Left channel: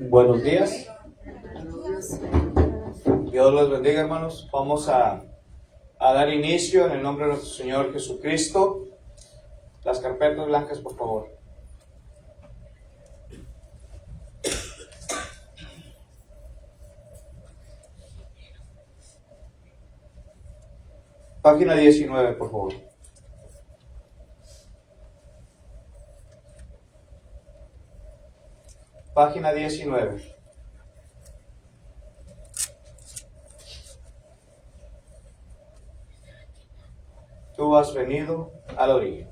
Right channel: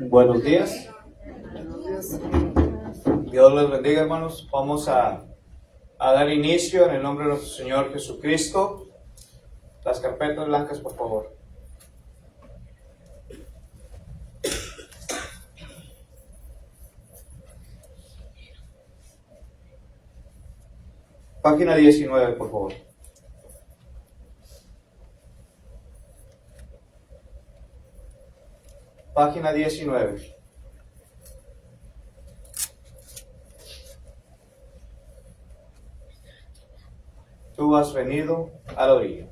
Buenos días. Dios les bendiga, hermanos. Vamos a dar inicio en el nombre de nuestro Señor Jesucristo. Las carpetas blancas, por favor. Página 19, por favor. Página 19. Tú has venido a la orilla.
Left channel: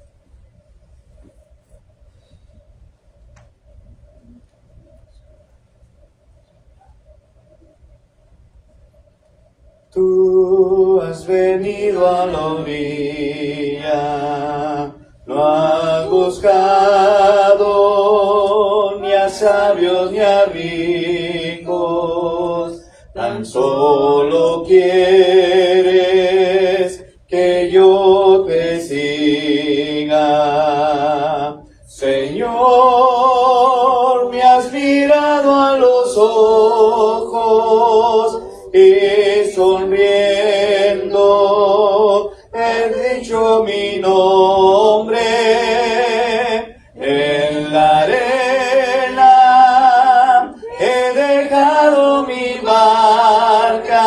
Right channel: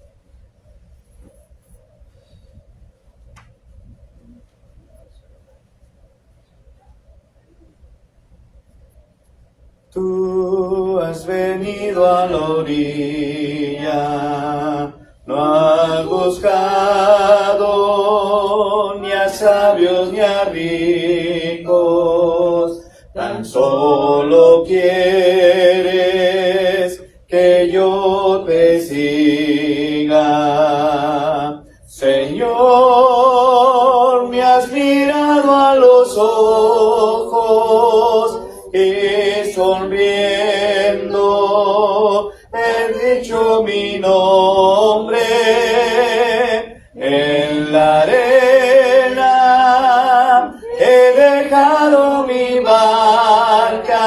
Tú has venido a la orilla, no has buscado ni a sabios ni a ricos, tan solo quieres que yo te siga. Señor, me has mirado a los ojos y sonriendo he dicho mi nombre. En la arena he dejado mi barca,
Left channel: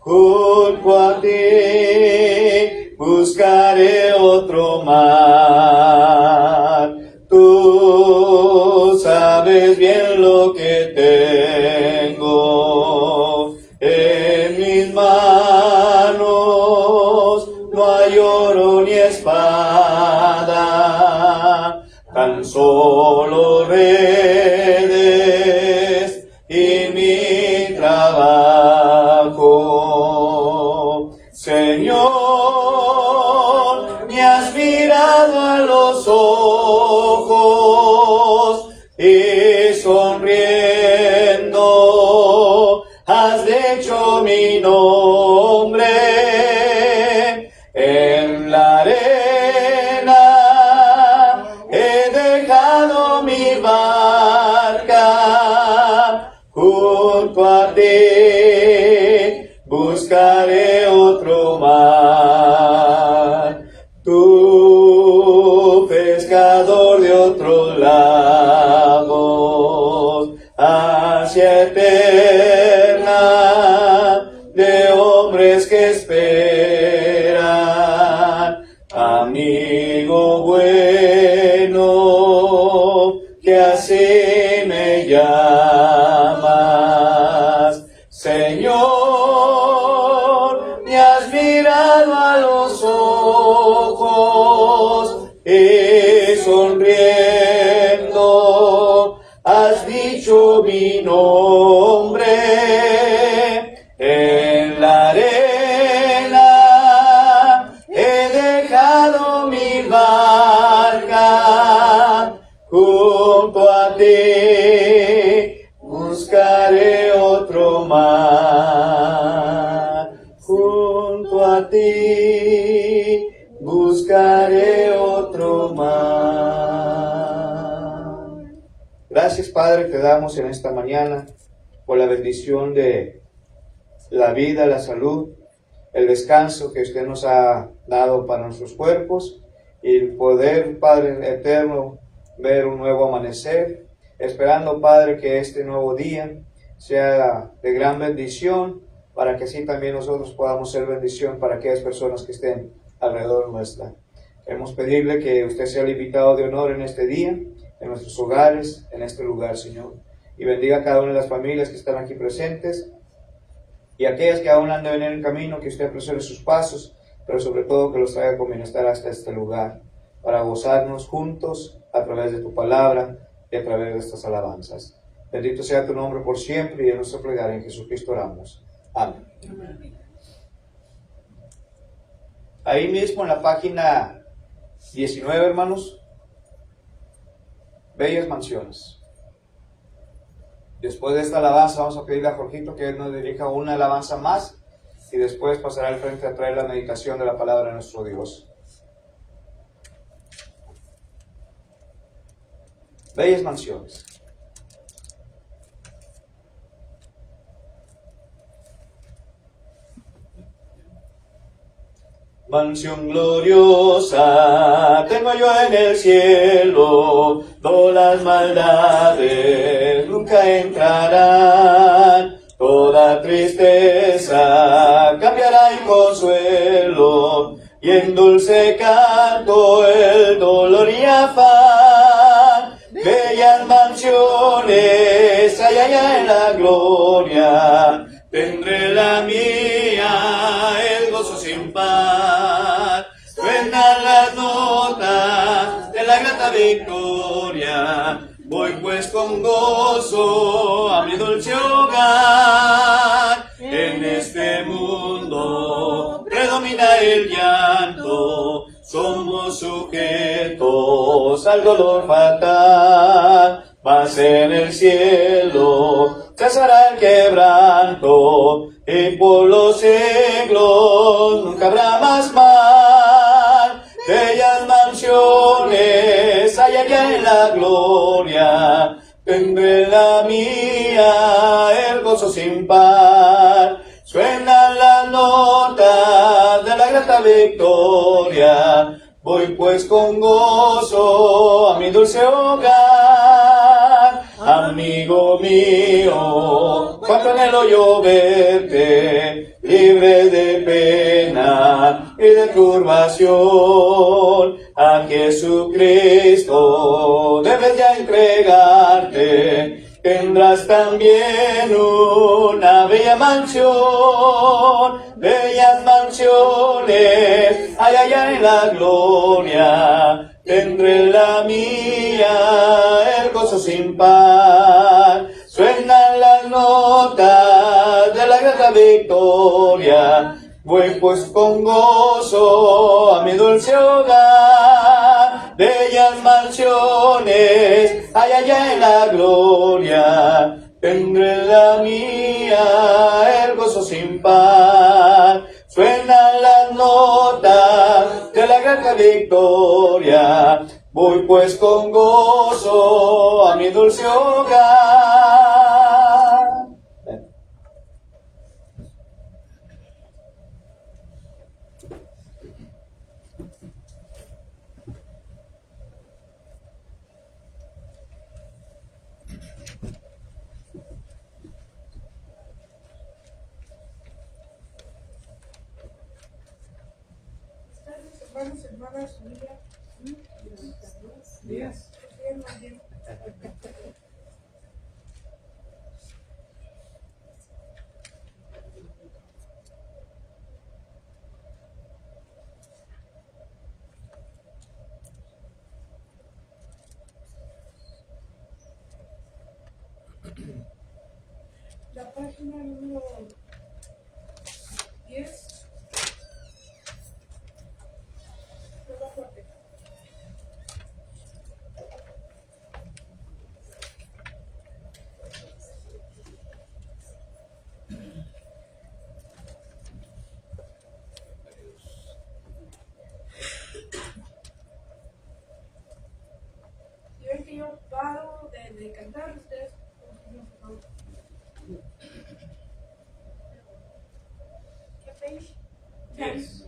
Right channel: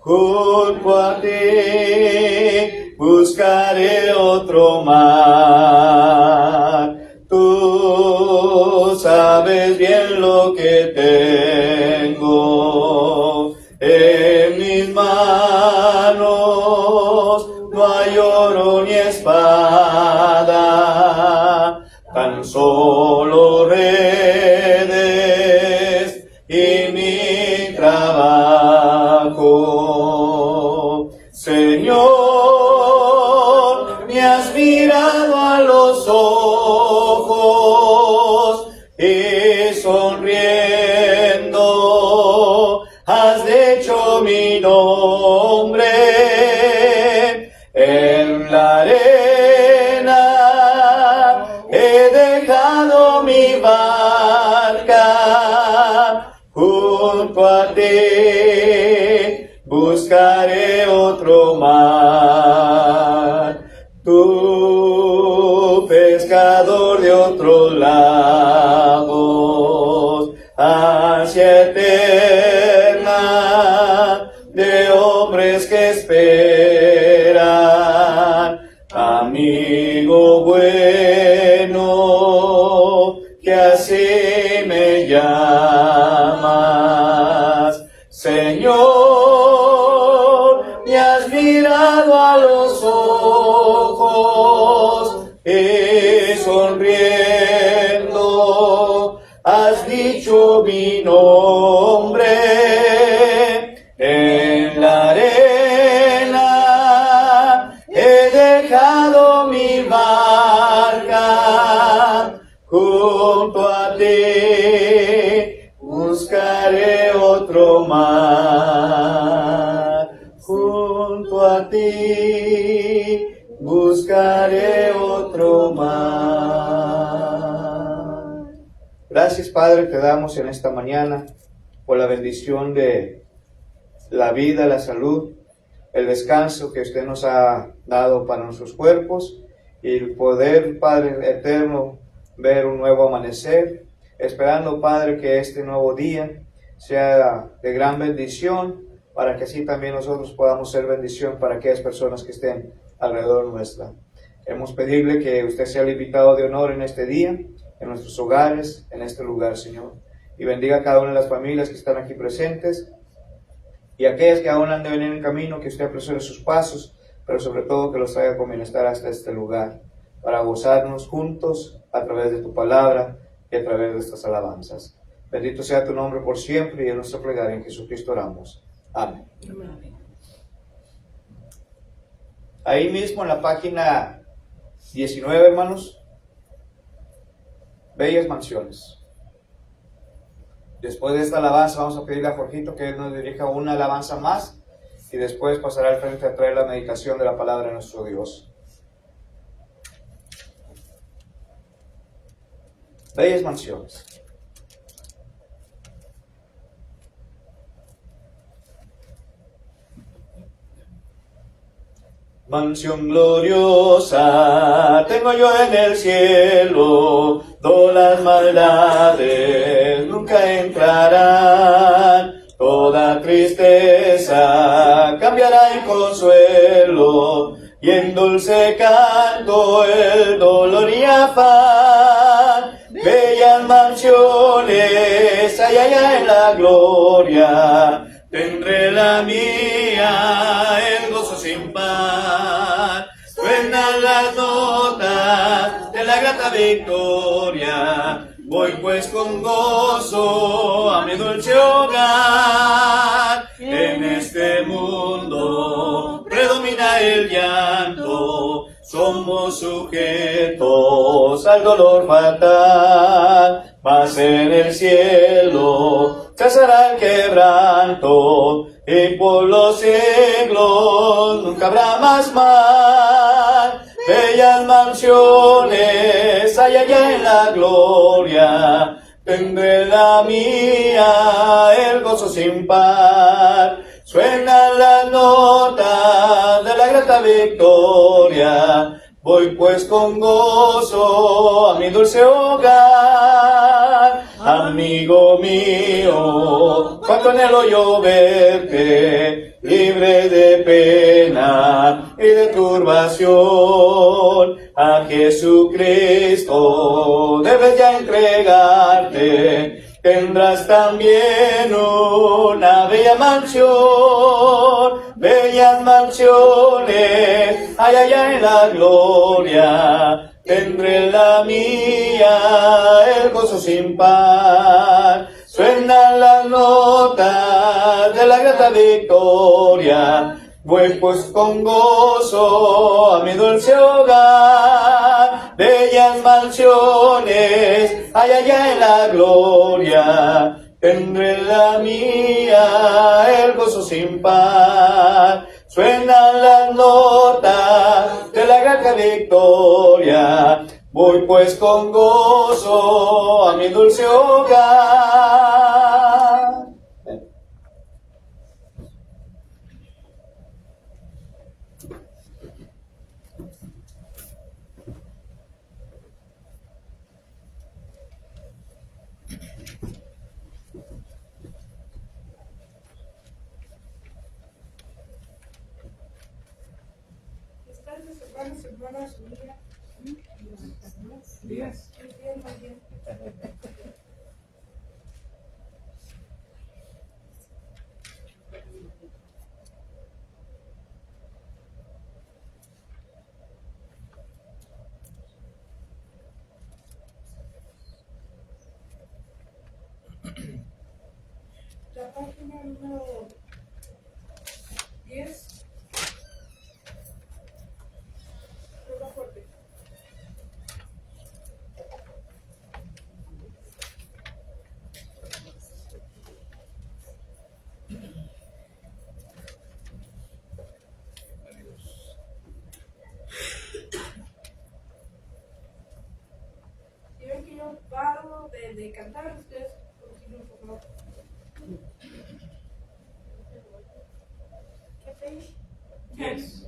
junto a ti buscaré otro mar. Tú sabes bien lo que tengo en mis manos, no hay oro ni espada, tan solo redes y mi trabajo. Señor, me has mirado a los ojos y sonriendo has dicho mi nombre. En la arena he dejado mi barca, junto a ti buscaré otro mar. Tú, pescador de otros lagos, hacia eterna de hombres que esperan, amigo bueno, que así me llamas. Señor, me has mirado a los ojos y sonriendo has dicho mi nombre. En la arena he dejado mi barca, junto a ti buscaré otro mar. Junto a ti buscaré otro mar. Gracias, Padre, te damos en esta mañana por la bendición de la vida, la salud, el descanso que usted nos ha dado para nuestros cuerpos y el poder, Padre eterno, ver un nuevo amanecer, esperando, Padre, que este nuevo día sea de gran bendición, para que así también nosotros podamos ser bendición para aquellas personas que estén alrededor nuestra. Queremos pedirle que usted sea el invitado de honor en este día, en nuestros hogares, en este lugar, Señor, y bendiga a cada una de las familias que están aquí presentes, y aquellas que aún han de venir en camino, que usted apresure sus pasos, pero sobre todo que los traiga con bienestar hasta este lugar, para gozarnos juntos a través de tu palabra y a través de estas alabanzas. Bendito sea tu nombre por siempre, y en nuestra plegaria en Jesucristo oramos. Amén. Amén. Ahí mismo en la página 19, hermanos, bellas mansiones. Después de esta alabanza vamos a pedirle a Jorgito que él nos dirija una alabanza más, y después pasará al frente a traer la meditación de la palabra de nuestro Dios. Bellas mansiones. mansión gloriosa tengo yo en el cielo, todas las maldades nunca entrarán, toda tristeza cambiará en consuelo, y en dulce canto el dolor y afán. Bellas mansiones hay allá en la gloria, tendré la mía, el gozo sin par. Suenan las notas de la grata victoria, voy pues con gozo a mi dulce hogar. En este mundo predomina el llanto, somos sujetos al dolor fatal, mas en el cielo cesará el quebranto, y por los siglos nunca habrá más mal. Bellas mansiones hay allá en la gloria, tendré la mía, el gozo sin par. Suenan las notas de la grata victoria, voy pues con gozo a mi dulce hogar. Amigo mío, cuánto anhelo yo verte, libre de pena y de turbación. A Jesucristo debes ya entregarte, tendrás también una bella mansión. Bellas mansiones hay allá en la gloria, tendré la mía, el gozo sin par. Suenan las notas de la grata victoria, voy pues con gozo a mi dulce hogar. Bellas mansiones hay allá en la gloria, tendré la mía, el gozo sin par. Suenan las notas de la grata victoria, voy pues con gozo a mi dulce hogar. Hermanos, hermanas, amigas, días. Muy bien. La página número 10. Fuerte. Si ven que yo paro de cantar, ustedes continúen, por favor. ¿Qué page? 10.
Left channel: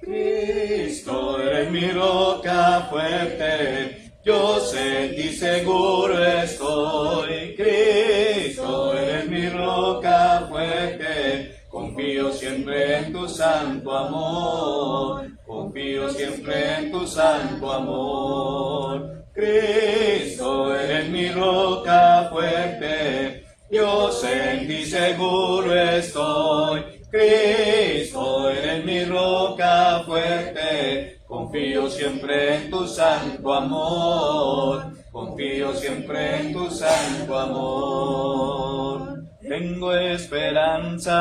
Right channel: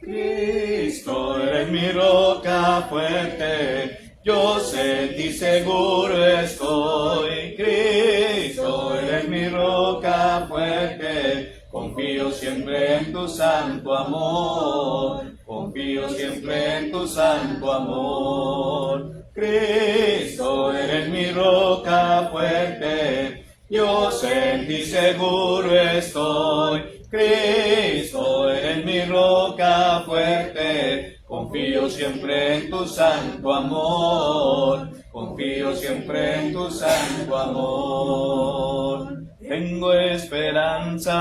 Cristo eres mi roca fuerte, yo sé y seguro estoy. Cristo eres mi roca fuerte, confío siempre en tu santo amor. Confío siempre en tu santo amor. Cristo eres mi roca fuerte, yo sé en ti seguro estoy. Cristo eres mi roca fuerte, confío siempre en tu santo amor. Confío siempre en tu santo amor. Tengo esperanza,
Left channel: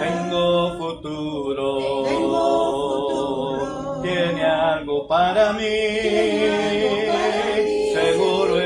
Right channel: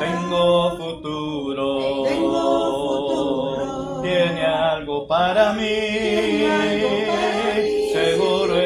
tengo futuro, tiene algo para mí. Seguro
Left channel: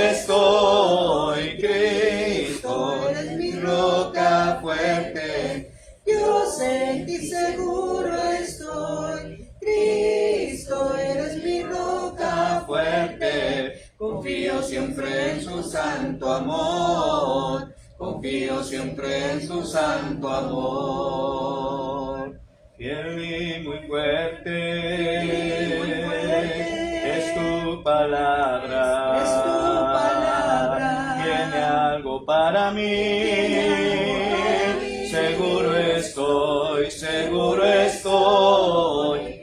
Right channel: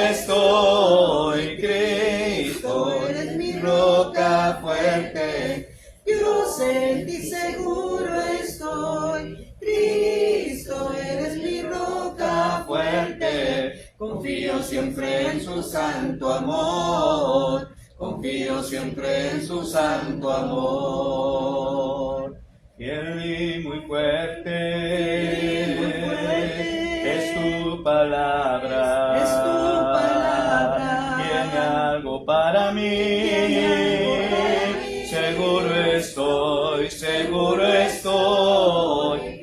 estoy, Cristo eres mi roca fuerte. Dios en ti seguro estoy, Cristo eres mi roca fuerte. Confío siempre en su santo amor, confío siempre en su santo amor. Fiel y muy fuerte es tu palabra, tiene algo para mí. Seguro estoy,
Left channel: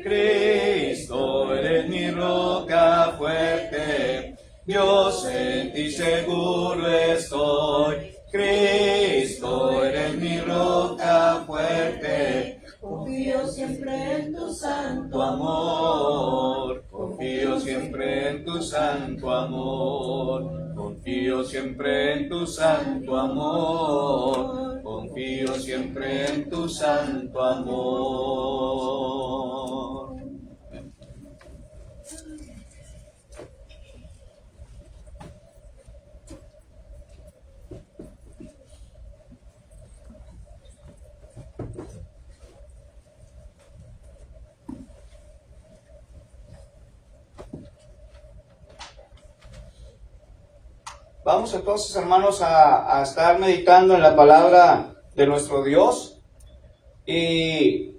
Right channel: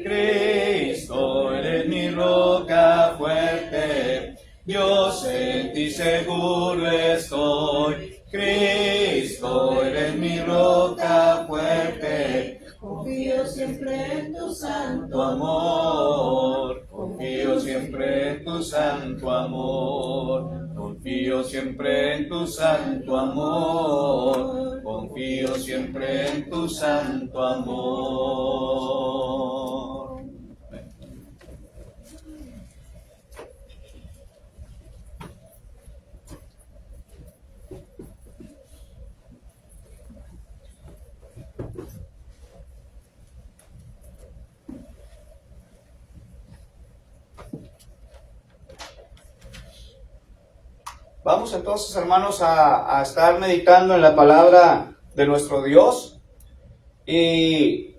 Cristo eres mi roca fuerte. Dios en ti seguro estoy, Cristo eres mi roca fuerte. Confío siempre en tu santo amor, confío siempre en tu santo amor, confío siempre en tu santo amor, confío siempre en tu santo amor. Vamos entonces, hermanos, a estar meditando en la palabra de nuestro Dios. Y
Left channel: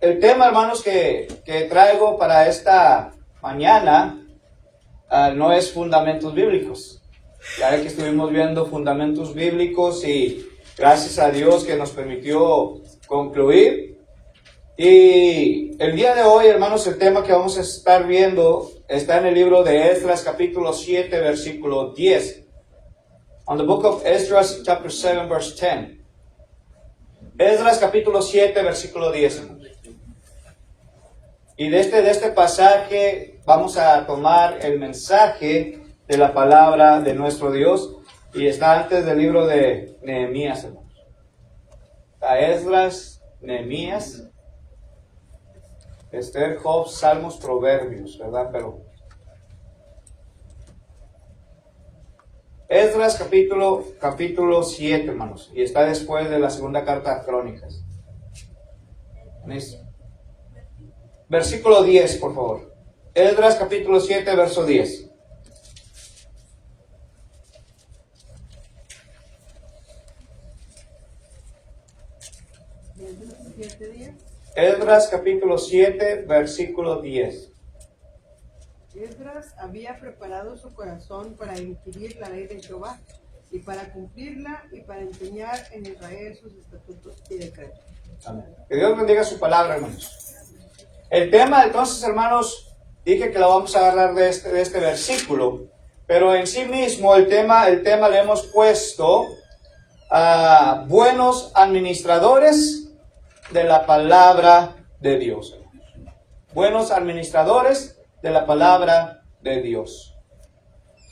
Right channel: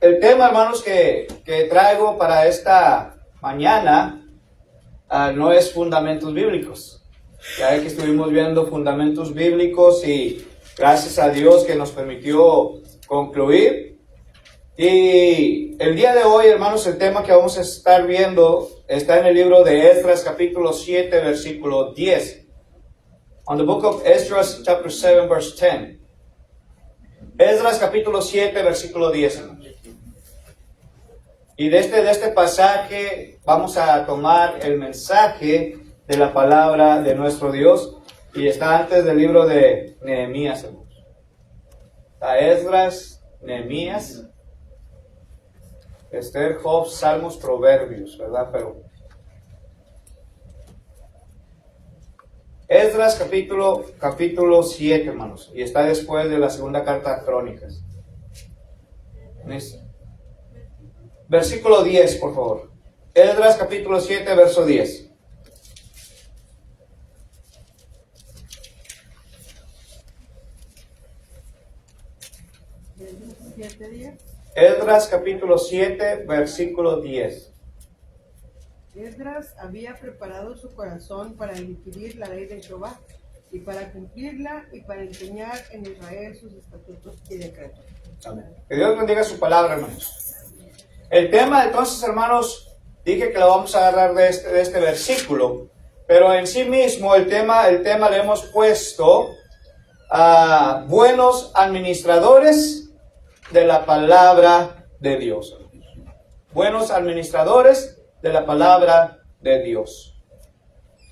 el tema, hermanos, que traigo para esta mañana no es fundamentos bíblicos. Ya que estuvimos viendo fundamentos bíblicos y gracias a Dios que nos permitió concluir. Y el día de hoy, hermanos, el tema que vamos a estar viendo está en el libro de Esdras, capítulo 7, versículo 10. On the book of Esdras, chapter 7, verse 10. Esdras, capítulo 7, versículo 10. Y de este pasaje vamos a tomar el mensaje de la palabra de nuestro Dios. Y está antes del libro de Nehemías, hermanos. Está Esdras, Nehemías, Esther, Job, Salmos, Proverbios, ¿verdad? Pero Esdras capítulo 7, hermanos, y está después de la segunda carta a Crónicas. Versículo 10, por favor. Esdras capítulo 7, verso 10. Esdras capítulo 7, versículo 10. Esdras había preparado su corazón para inquirir la ley de Jehová y para cumplirla y para enseñar en Israel sus estatutos y decretos. Amén. Que Dios bendiga su palabra, hermanos. El tema, entonces, hermanos, dije que lo vamos a agarrar de este versículo, pero en sí mismo el tema le hemos puesto a buenos administradores de la palabra de Dios. Buenos administradores de la palabra de Dios.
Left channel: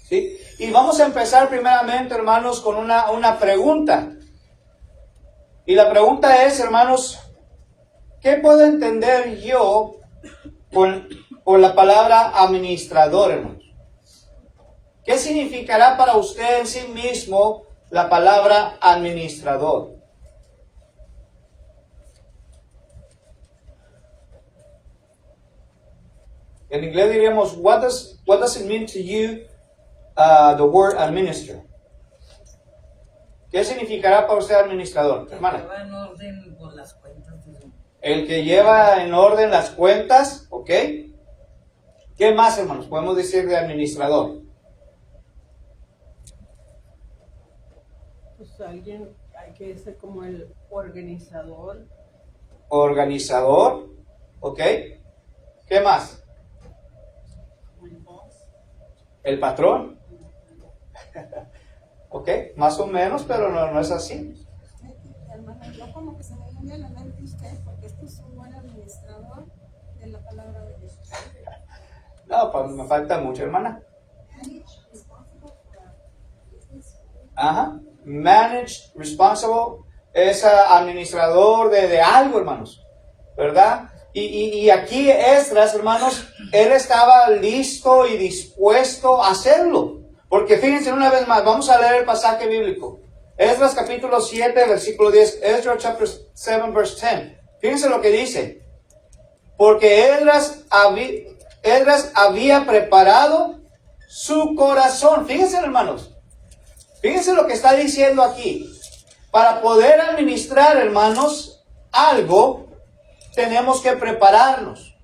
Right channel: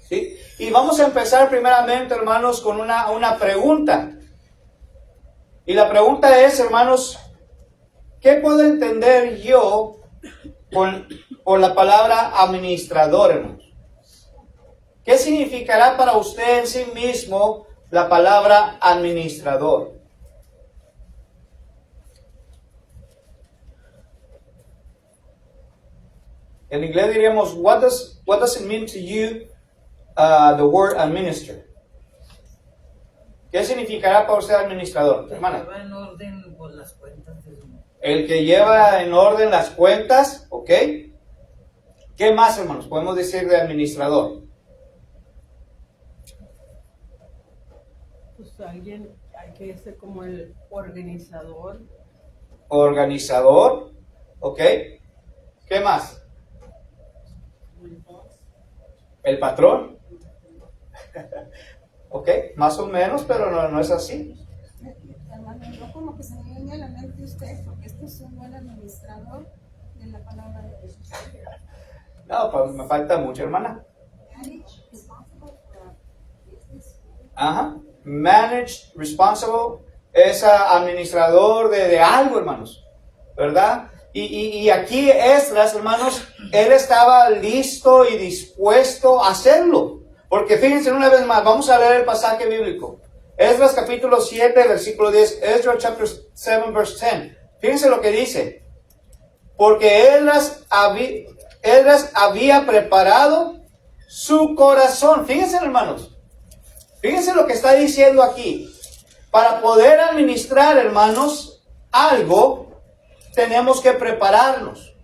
¿Sí? Y vamos a empezar primeramente, hermanos, con una pregunta. Y la pregunta es, hermanos, ¿qué puedo entender yo por la palabra administrador, hermanos? ¿Qué significará para usted en sí mismo la palabra administrador? En inglés diríamos, what does it mean to you, the word administer? ¿Qué significará para usted administrador, hermana? Lleva en orden por las cuentas de su... El que lleva en orden las cuentas, ¿ok? ¿Qué más, hermanos, podemos decir de administrador? Pues alguien hay que ser como el organizador. Organizador, ¿ok? ¿Qué más? El patrón. Ok, más o menos, pero no es así. Hermano, yo como que se me viene a la mente usted, porque esto es un buen administrador de la palabra de Dios. No, pues me falta mucho, hermana. Ajá. Managed, responsible, es administrador de algo, hermanos, ¿verdad? Y aquí Esdras, hermanos, él estaba listo y dispuesto a hacerlo. Porque fíjense una vez más, vamos a leer el pasaje bíblico. Esdras capítulo 7, versículo 10. Esdras chapter 7, verse 10. Fíjense lo que dice. Porque Esdras había preparado su corazón. Fíjense, hermanos. Fíjense lo que está diciendo aquí. Para poder administrar, hermanos, algo, tenemos que prepararnos.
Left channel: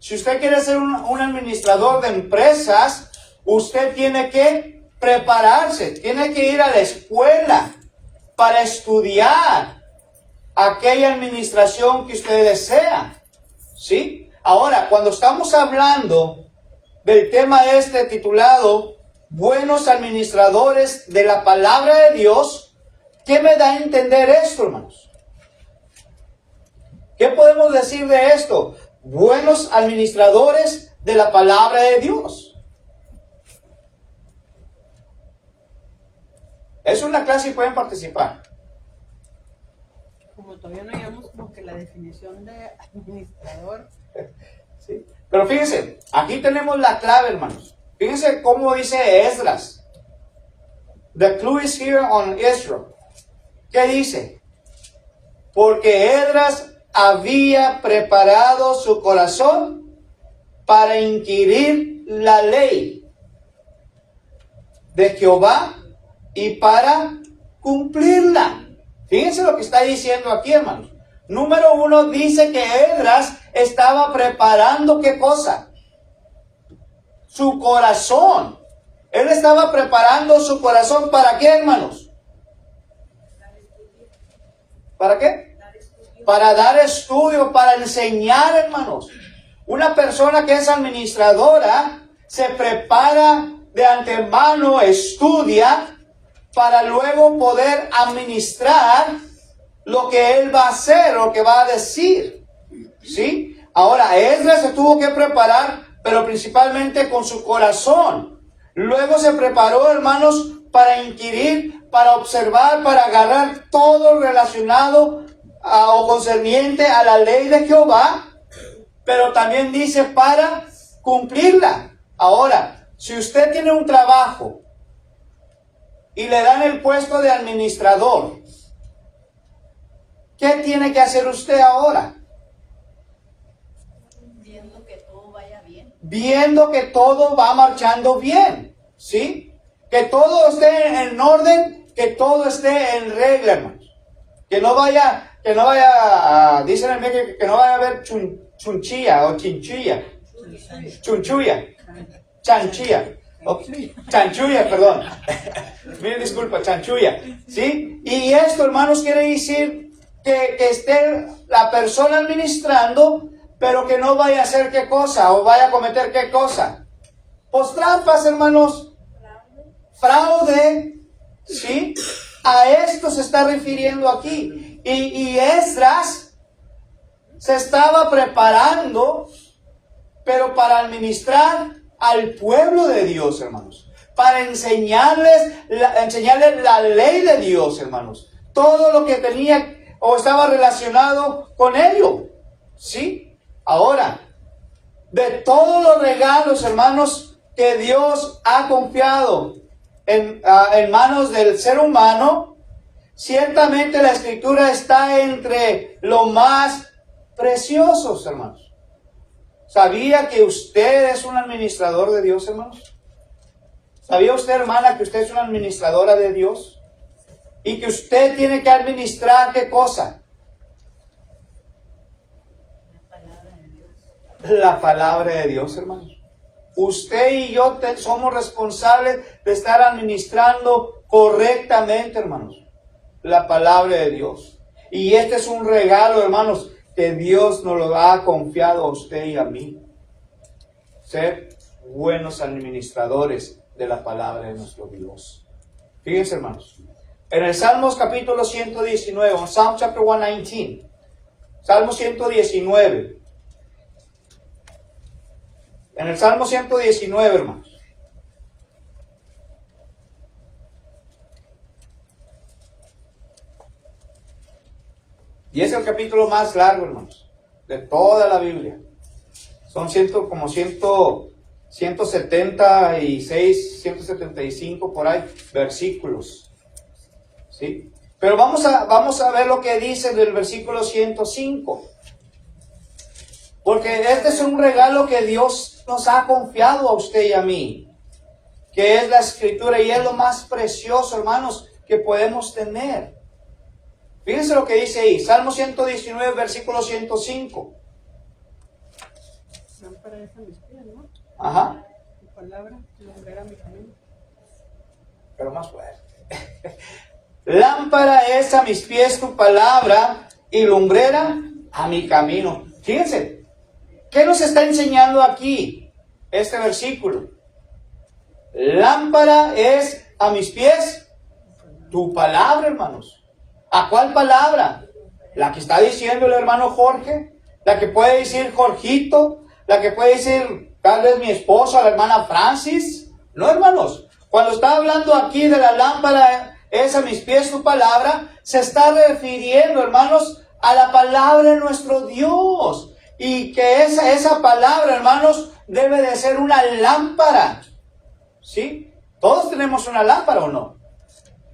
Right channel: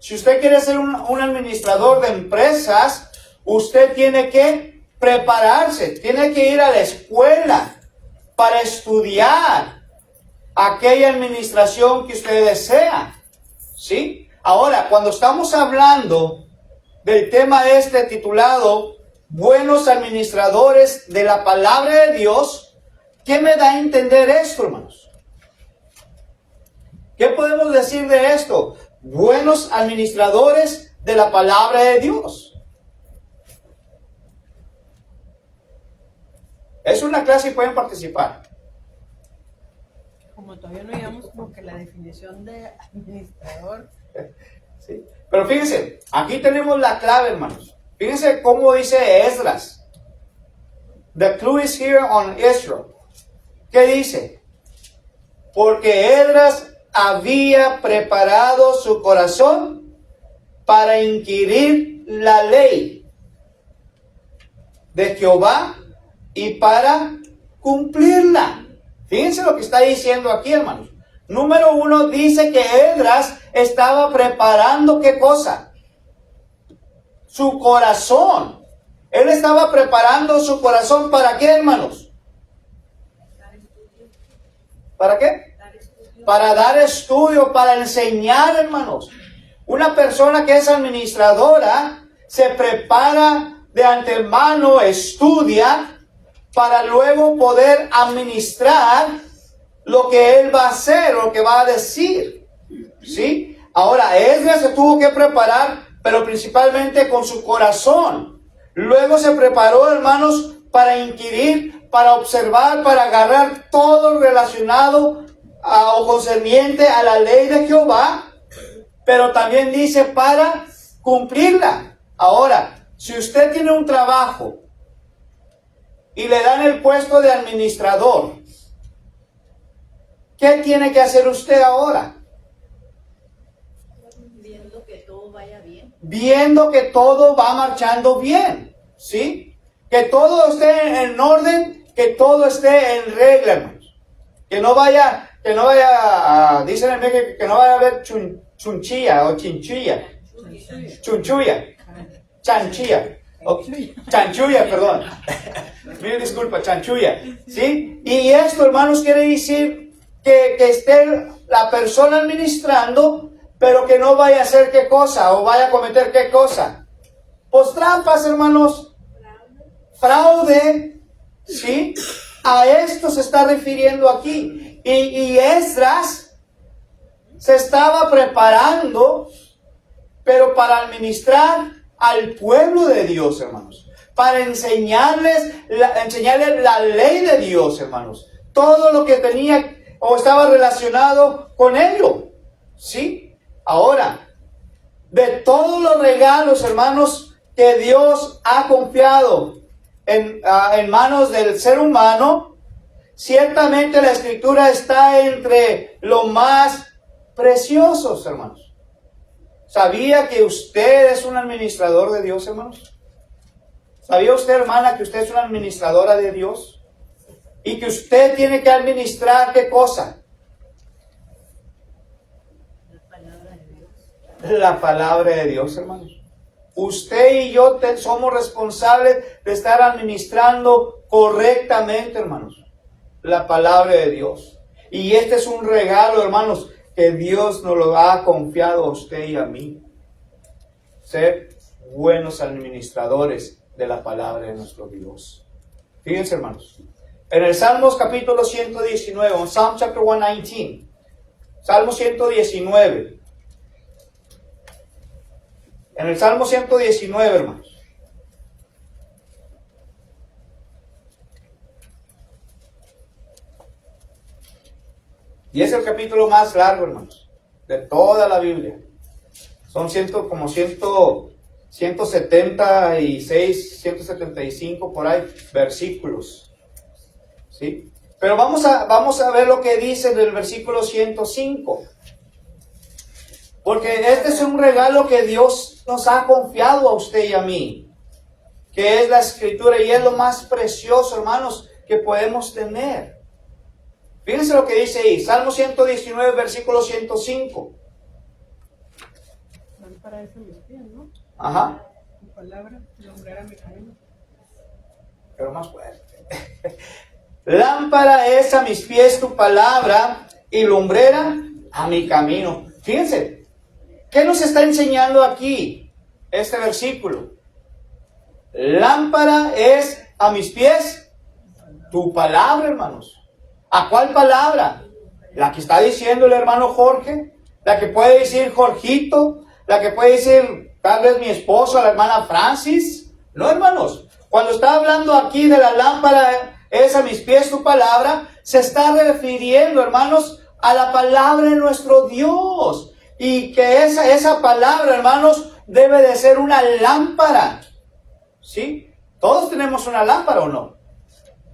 Si usted quiere ser un administrador de empresas, usted tiene que prepararse, tiene que ir a la escuela para estudiar aquella administración que usted desea. ¿Sí? Ahora, cuando estamos hablando del tema este titulado Buenos administradores de la palabra de Dios, ¿qué me da a entender esto, hermanos? ¿Qué podemos decir de esto? Buenos administradores de la palabra de Dios. Es una clase y pueden participar. Como todavía no llegamos como que la definición de administrador. ¿Sí? Pero fíjense, aquí tenemos la clave, hermanos. Fíjense cómo dice Esdras. The clue is here on Israel. ¿Qué dice? Porque Esdras había preparado su corazón para inquirir la ley de Jehová y para cumplirla. Fíjense lo que está diciendo aquí, hermanos. Número 1 dice que Esdras estaba preparando ¿qué cosa? Su corazón. Él estaba preparando su corazón ¿para qué, hermanos? ¿Para qué? Para dar estudio, para enseñar, hermanos. Una persona que es administradora se prepara de antemano, estudia para luego poder administrar lo que él va a hacer, lo que va a decir. ¿Sí? Ahora, Esdras se tuvo que preparar, pero principalmente con su corazón. Luego se preparó, hermanos, para inquirir, para observar, para agarrar todo relacionado o concerniente a la ley de Jehová, pero también dice para cumplirla. Ahora, si usted tiene un trabajo y le dan el puesto de administrador, ¿qué tiene que hacer usted ahora? Viendo que todo vaya bien. Viendo que todo va marchando bien, ¿sí? Que todo esté en orden, que todo esté en regla, hermanos. Que no vaya, dicen en México que no vaya a haber chunchilla o chinchilla. Chunchuya. Chanchilla. Chanchuya, perdón. Mire, disculpa, chanchuya. ¿Sí? Y esto, hermanos, quiere decir que esté la persona administrando, pero que no vaya a hacer qué cosa, o vaya a cometer qué cosa. Pues trampas, hermanos. Fraude. ¿Sí? A esto se está refiriendo aquí. Y Esdras se estaba preparando, pero para administrar al pueblo de Dios, hermanos. Para enseñarles la ley de Dios, hermanos. Todo lo que tenía o estaba relacionado con ello. ¿Sí? Ahora, de todos los regalos, hermanos, que Dios ha confiado en manos del ser humano, ciertamente la Escritura está entre lo más preciosos, hermanos. ¿Sabía que usted es un administrador de Dios, hermanos? ¿Sabía usted, hermana, que usted es una administradora de Dios? Y que usted tiene que administrar ¿qué cosa? La palabra de Dios, hermanos. Usted y yo somos responsables de estar administrando correctamente, hermanos, la palabra de Dios. Y este es un regalo, hermanos, que Dios nos lo ha confiado a usted y a mí. Ser buenos administradores de la palabra de nuestro Dios. Fíjense, hermanos. En el Salmos capítulo 119, en Psalm chapter 119, Salmo 119. En el Salmo 119, hermanos. Y es el capítulo más largo, hermanos. de toda la Biblia. Son 176, 175 por ahí versículos. ¿Sí? Pero vamos a ver lo que dice del versículo 105. Porque este es un regalo que Dios nos ha confiado a usted y a mí, que es la Escritura, y es lo más precioso, hermanos, que podemos tener. Fíjense lo que dice ahí, Salmo 119, versículo 105. Lámpara es a mis pies, ¿no? Ajá. Tu palabra, lumbrera mi camino. Pero más fuerte. Lámpara es a mis pies tu palabra y lumbrera a mi camino. Fíjense, ¿qué nos está enseñando aquí este versículo? Lámpara es a mis pies tu palabra, hermanos. ¿A cuál palabra? La que está diciendo el hermano Jorge, la que puede decir Jorgito, la que puede decir tal vez mi esposa, la hermana Francis. No, hermanos, cuando está hablando aquí de la lámpara es a mis pies tu palabra, se está refiriendo, hermanos, a la palabra de nuestro Dios. Y que esa palabra, hermanos, debe de ser una lámpara. ¿Sí? Todos tenemos una lámpara, ¿o no?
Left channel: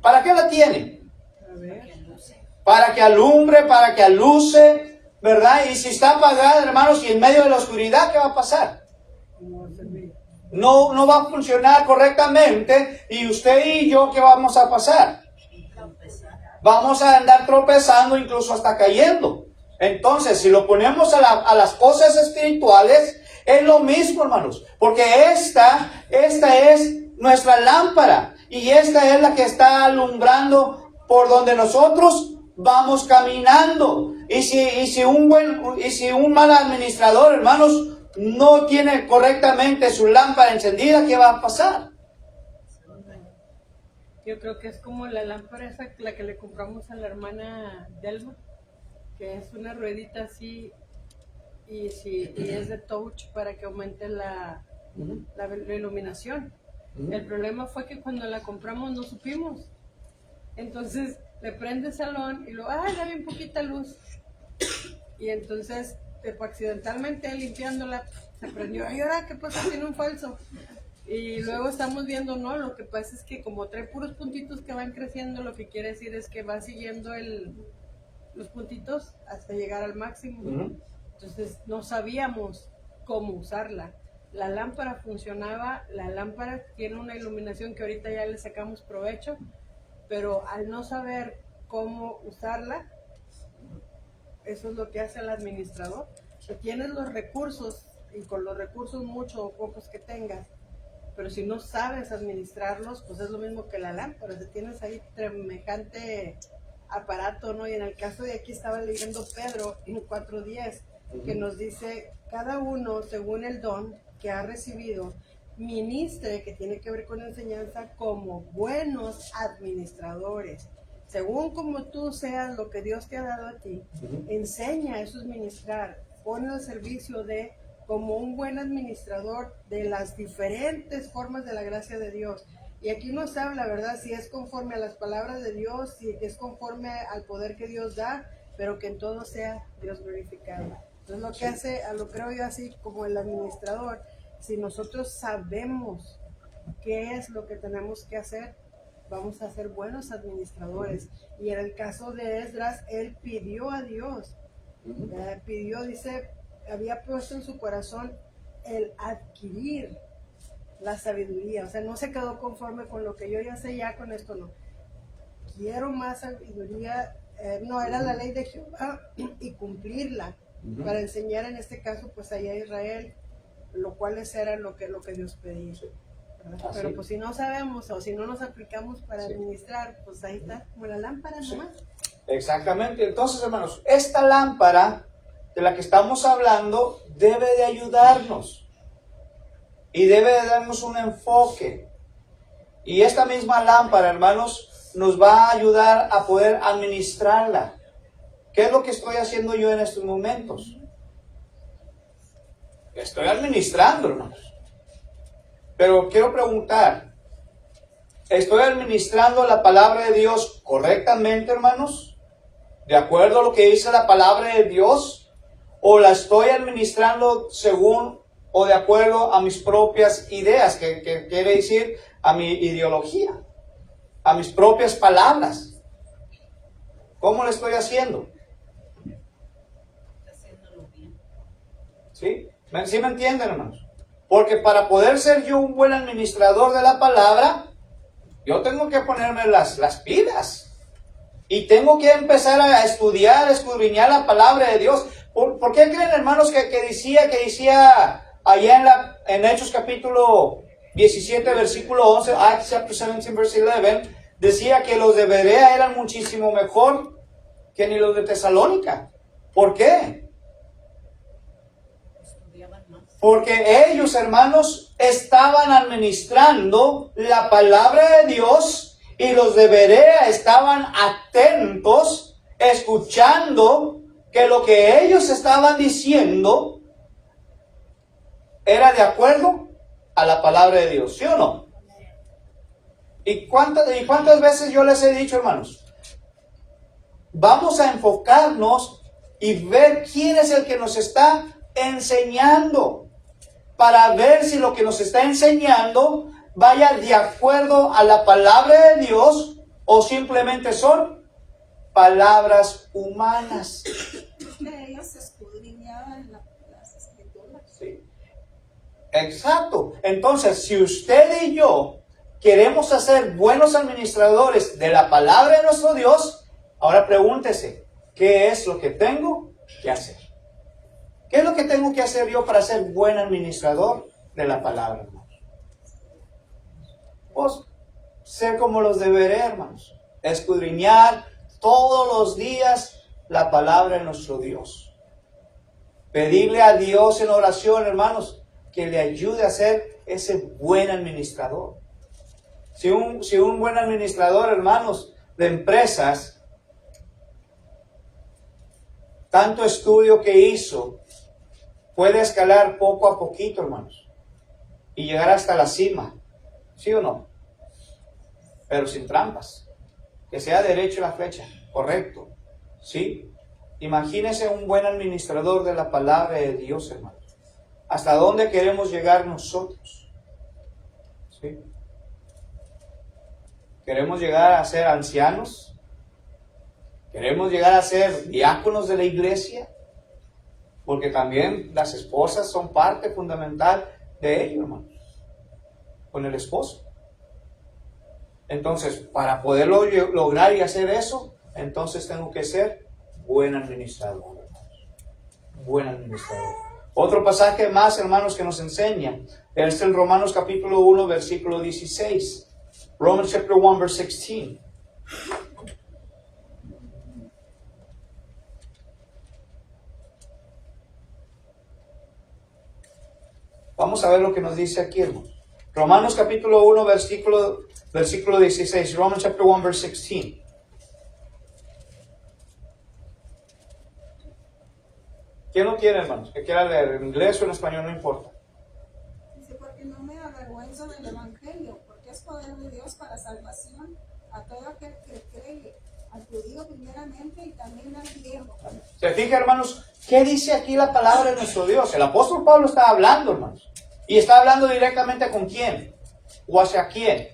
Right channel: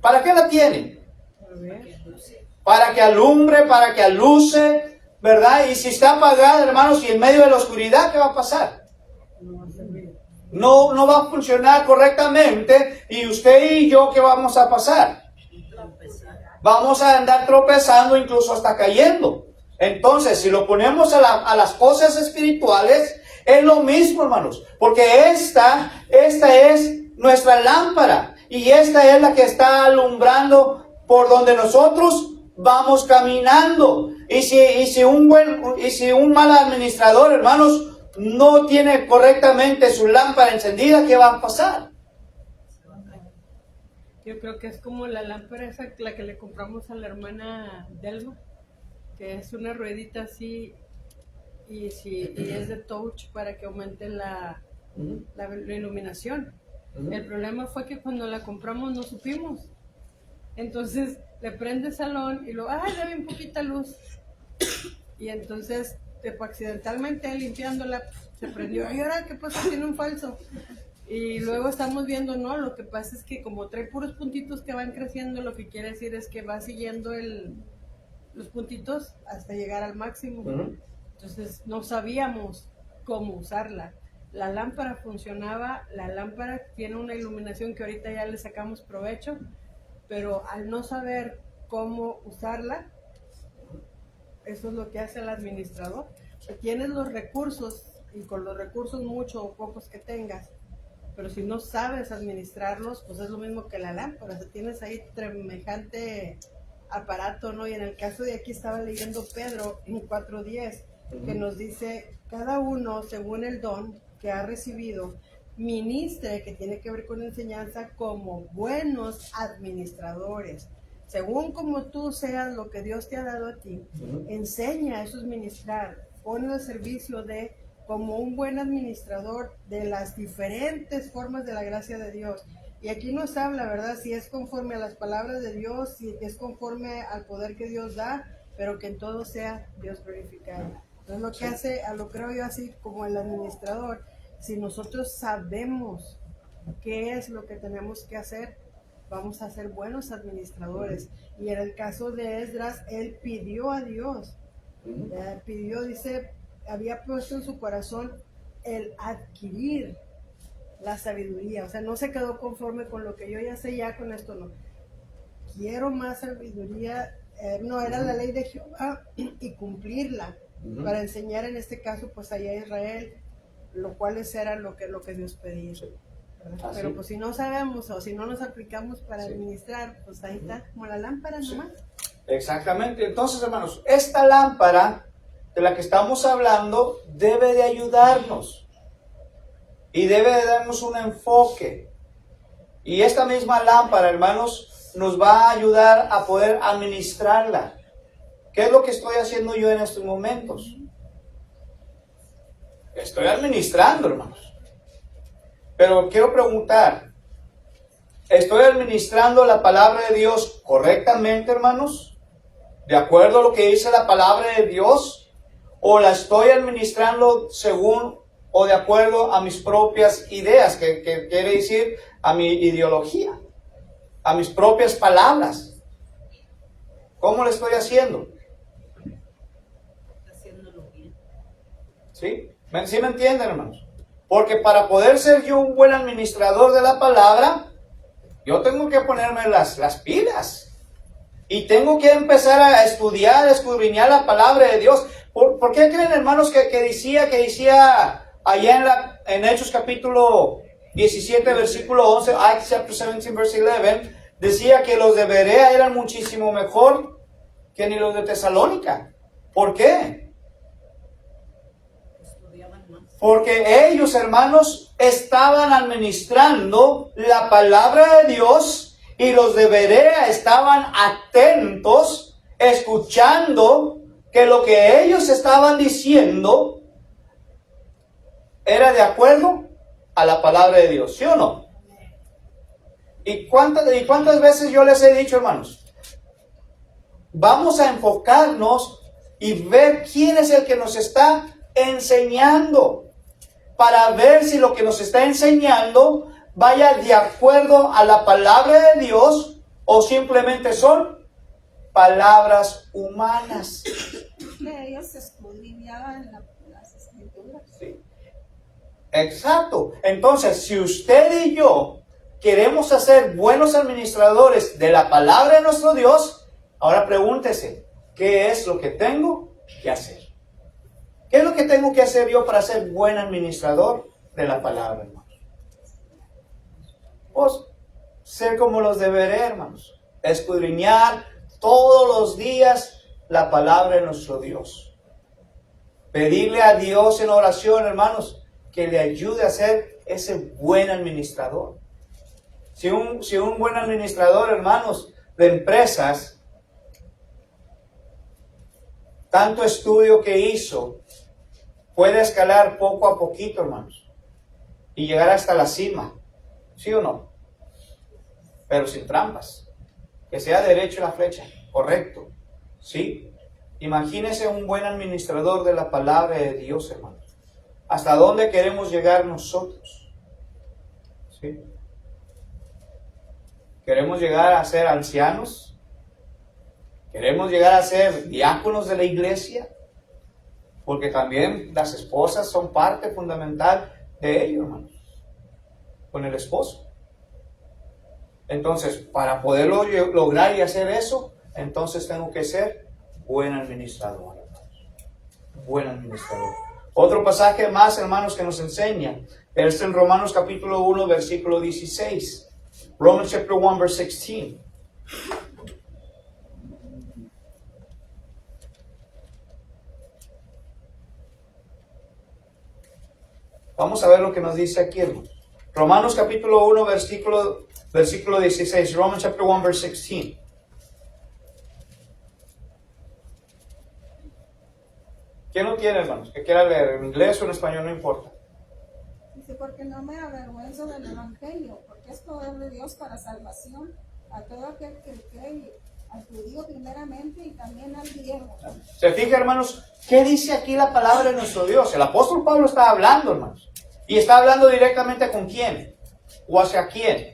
¿Para qué la tienen? A ver. Para que alumbre, para que aluce, ¿verdad? Y si está apagada, hermanos, y en medio de la oscuridad, ¿qué va a pasar? No va a servir. No va a funcionar correctamente. Y usted y yo, ¿qué vamos a pasar? Vamos a andar tropezando, incluso hasta cayendo. Entonces, si lo ponemos a las cosas espirituales, es lo mismo, hermanos. Porque esta es nuestra lámpara. Y esta es la que está alumbrando por donde nosotros vamos caminando. Y si un mal administrador, hermanos, no tiene correctamente su lámpara encendida, ¿qué va a pasar? Yo creo que es como la lámpara esa, la que le compramos a la hermana Delma, que es una ruedita así, y es de touch para que aumente la iluminación. El problema fue que cuando la compramos no supimos. Entonces le prende el salón y luego, da bien poquita luz. Y entonces, accidentalmente limpiándola, se prendió. ¿Y ahora qué pasa? Tiene un falso. Y luego estamos viendo, no, lo que pasa es que como trae puros puntitos que van creciendo, lo que quiere decir es que va siguiendo los puntitos hasta llegar al máximo. Entonces no sabíamos cómo usarla. La lámpara funcionaba, la lámpara tiene una iluminación que ahorita ya le sacamos provecho, pero al no saber cómo usarla, eso es lo que hace el administrador. O tienes los recursos, y con los recursos muchos o pocos que tengas, pero si no sabes administrarlos, pues es lo mismo que la lámpara. O sea, tienes ahí semejante aparato, ¿no? Y en el caso de aquí estaba leyendo Pedro en 4:10, que nos dice, cada uno según el don que ha recibido, ministre, que tiene que ver con enseñanza, como buenos administradores. Según como tú seas lo que Dios te ha dado a ti, enseña, eso es ministrar, ponlo al servicio de, como un buen administrador de las diferentes formas de la gracia de Dios. Y aquí nos habla, ¿verdad? Si es conforme a las palabras de Dios, si es conforme al poder que Dios da, pero que en todo sea Dios glorificado. Entonces lo que hace, lo creo yo así como el administrador, si nosotros sabemos qué es lo que tenemos que hacer, vamos a ser buenos administradores. Y en el caso de Esdras, él pidió a Dios, dice, había puesto en su corazón el adquirir la sabiduría. O sea, no se quedó conforme con lo que yo ya sé, ya con esto no. Quiero más sabiduría. No, era la ley de Jehová y cumplirla para enseñar en este caso pues allá a Israel, lo cual era lo que Dios pedía. Pero pues si no sabemos o si no nos aplicamos para administrar, pues ahí está, como la lámpara nomás. Exactamente. Entonces, hermanos, esta lámpara de la que estamos hablando debe de ayudarnos y debe de darnos un enfoque. Y esta misma lámpara, hermanos, nos va a ayudar a poder administrarla. ¿Qué es lo que estoy haciendo yo en estos momentos? Estoy administrando, hermanos. Pero quiero preguntar, ¿estoy administrando la palabra de Dios correctamente, hermanos? ¿De acuerdo a lo que dice la palabra de Dios? o la estoy administrando según o de acuerdo a mis propias ideas, que quiere decir a mi ideología, a mis propias palabras? ¿Cómo lo estoy haciendo? Haciéndolo bien. ¿Sí? ¿Sí me entienden, hermanos? Porque para poder ser yo un buen administrador de la palabra, yo tengo que ponerme las pilas. Y tengo que empezar a estudiar, a escudriñar la palabra de Dios. ¿Por qué creen, hermanos, que decía allá en Hechos capítulo 17, versículo 11, Acts chapter 17, verse 11, decía que los de Berea eran muchísimo mejor que ni los de Tesalónica? ¿Por qué? Estudiaban más. Porque ellos, hermanos, estaban administrando la palabra de Dios, y los de Berea estaban atentos, escuchando que lo que ellos estaban diciendo era de acuerdo a la palabra de Dios, ¿sí o no? ¿Y cuántas veces yo les he dicho, hermanos? Vamos a enfocarnos y ver quién es el que nos está enseñando, para ver si lo que nos está enseñando vaya de acuerdo a la palabra de Dios o simplemente son palabras humanas. Ellos escudriñaban las escrituras. Sí. Exacto. Entonces, si usted y yo queremos ser buenos administradores de la palabra de nuestro Dios, ahora pregúntese, ¿qué es lo que tengo que hacer? ¿Qué es lo que tengo que hacer yo para ser buen administrador de la palabra, hermanos? Pues ser como los de Berea, hermanos. Escudriñar todos los días la palabra de nuestro Dios. Pedirle a Dios en oración, hermanos, que le ayude a ser ese buen administrador. Si un buen administrador, hermanos, de empresas, tanto estudio que hizo, puede escalar poco a poquito, hermanos, y llegar hasta la cima. ¿Sí o no? Pero sin trampas. Que sea derecho la flecha. Correcto. ¿Sí? Imagínese un buen administrador de la palabra de Dios, hermanos. ¿Hasta dónde queremos llegar nosotros? ¿Sí? ¿Queremos llegar a ser ancianos? ¿Queremos llegar a ser diáconos de la iglesia? Porque también las esposas son parte fundamental de ello, hermanos. Con el esposo. Entonces, para poderlo lograr y hacer eso, entonces tengo que ser buen administrador, hermanos. Buen administrador. Otro pasaje más, hermanos, que nos enseña es en Romanos capítulo 1, versículo 16. Romans chapter 1, verse 16. Vamos a ver lo que nos dice aquí, hermanos. Romanos capítulo 1, versículo 16. Romans chapter 1, verse 16. ¿Quién lo tiene, hermanos? Que quiera leer en inglés o en español, no importa. Dice, porque no me avergüenzo del Evangelio, porque es poder de Dios para salvación a todo aquel que cree, al judío primeramente y también al griego. ¿Se fija, hermanos? ¿Qué dice aquí la palabra de nuestro Dios? El apóstol Pablo está hablando, hermanos. ¿Y está hablando directamente con quién? ¿O hacia quién?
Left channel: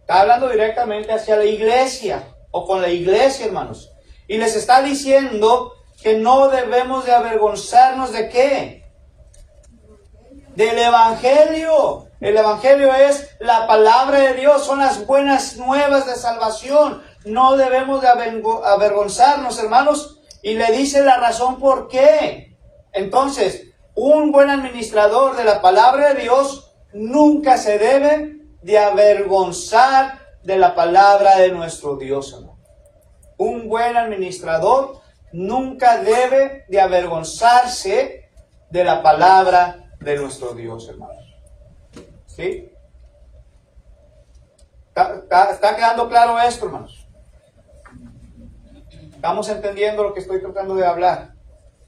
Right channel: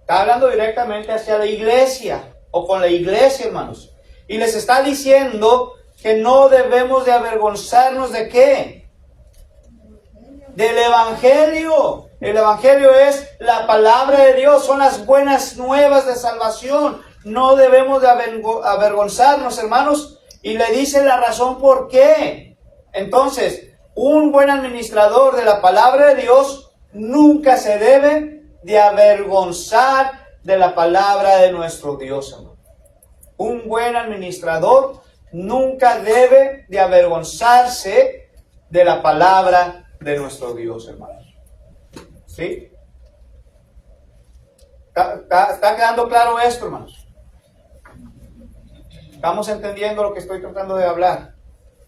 Está hablando directamente hacia la iglesia, o con la iglesia, hermanos. Y les está diciendo que no debemos de avergonzarnos de ¿qué? Del Evangelio. El Evangelio es la palabra de Dios, son las buenas nuevas de salvación. No debemos de avergonzarnos, hermanos. Y le dicen la razón por qué. Entonces, un buen administrador de la palabra de Dios nunca se debe de avergonzar de la palabra de nuestro Dios, hermano. Un buen administrador nunca debe de avergonzarse de la palabra de nuestro Dios, hermanos. ¿Sí? ¿Está quedando claro esto, hermanos? ¿Estamos entendiendo lo que estoy tratando de hablar?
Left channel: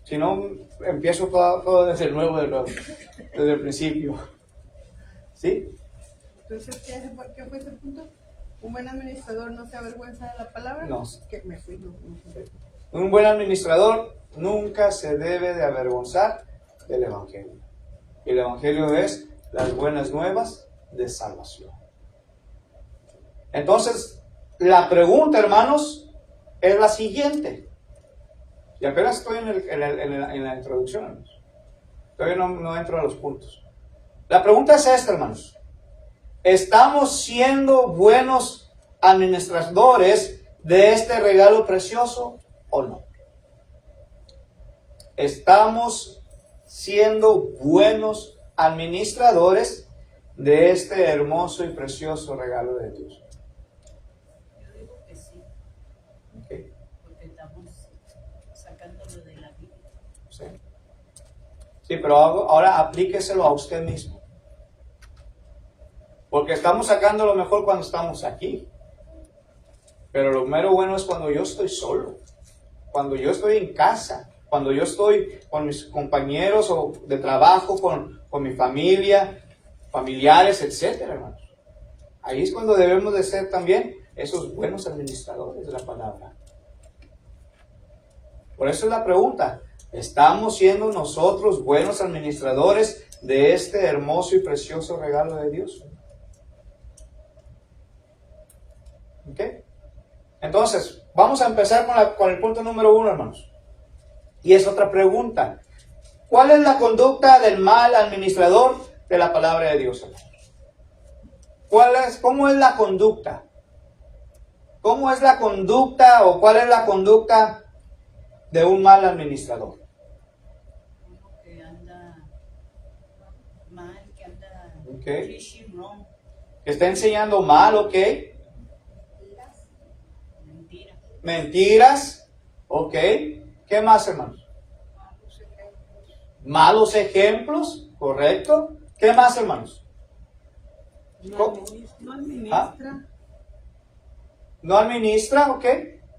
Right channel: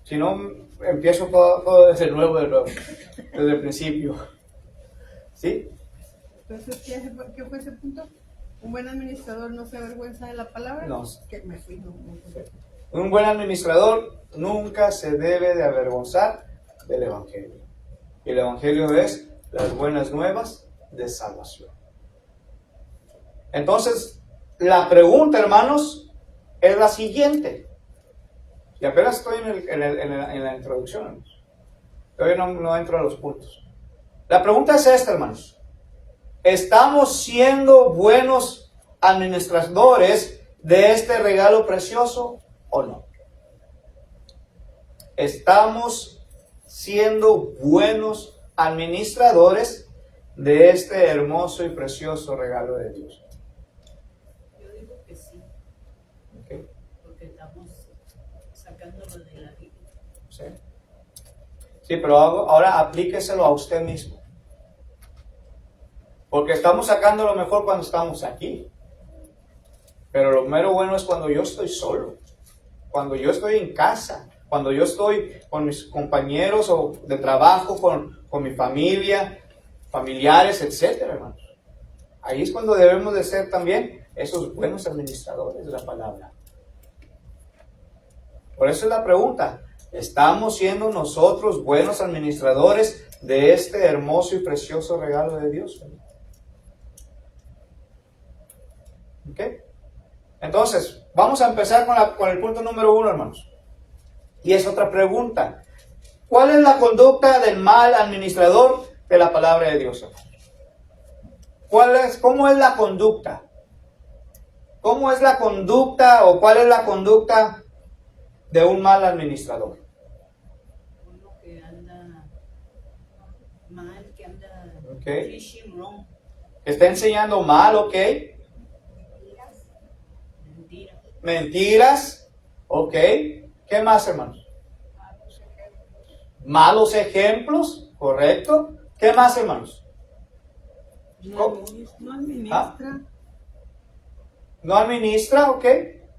Si no, empiezo todo desde nuevo, desde el principio. ¿Sí? Entonces, ¿qué fue ese punto? ¿Un buen administrador no se avergüenza de la palabra? No. Que me fui, no. Un buen administrador nunca se debe de avergonzar del Evangelio. Y el Evangelio es las buenas nuevas de salvación. Entonces, la pregunta, hermanos, es la siguiente. Y apenas estoy en la introducción, hermanos. Todavía no entro a los puntos. La pregunta es esta, hermanos. ¿Estamos siendo buenos administradores de este regalo precioso o no? ¿Estamos siendo buenos administradores de este hermoso y precioso regalo de Dios? Yo digo que sí, ¿Okay? porque estamos sacándolo de la Biblia. Sí. Sí, pero ahora aplíqueselo a usted mismo. Porque estamos sacando lo mejor cuando estamos aquí. Pero lo mero bueno es cuando yo estoy solo. Cuando yo estoy en casa. Cuando yo estoy con mis compañeros o de trabajo, con mi familia, familiares, etcétera, hermanos. Ahí es cuando debemos de ser también esos buenos administradores de la palabra. Por eso es la pregunta. ¿Estamos siendo nosotros buenos administradores de este hermoso y precioso regalo de Dios? ¿Ok? Entonces, vamos a empezar con el punto número 1, hermanos. Y es otra pregunta. ¿Cuál es la conducta del mal administrador de la palabra de Dios, hermanos? ¿Cómo es la conducta? ¿Cómo es la conducta o cuál es la conducta de un mal administrador? Uno que anda mal, que anda Okay. preaching wrong, Está enseñando mal, ¿ok? mentira. Mentiras, ¿ok? ¿Qué más, hermanos? Malos ejemplos, ¿correcto? ¿Qué más, hermanos? No administra. No administra, ¿ok?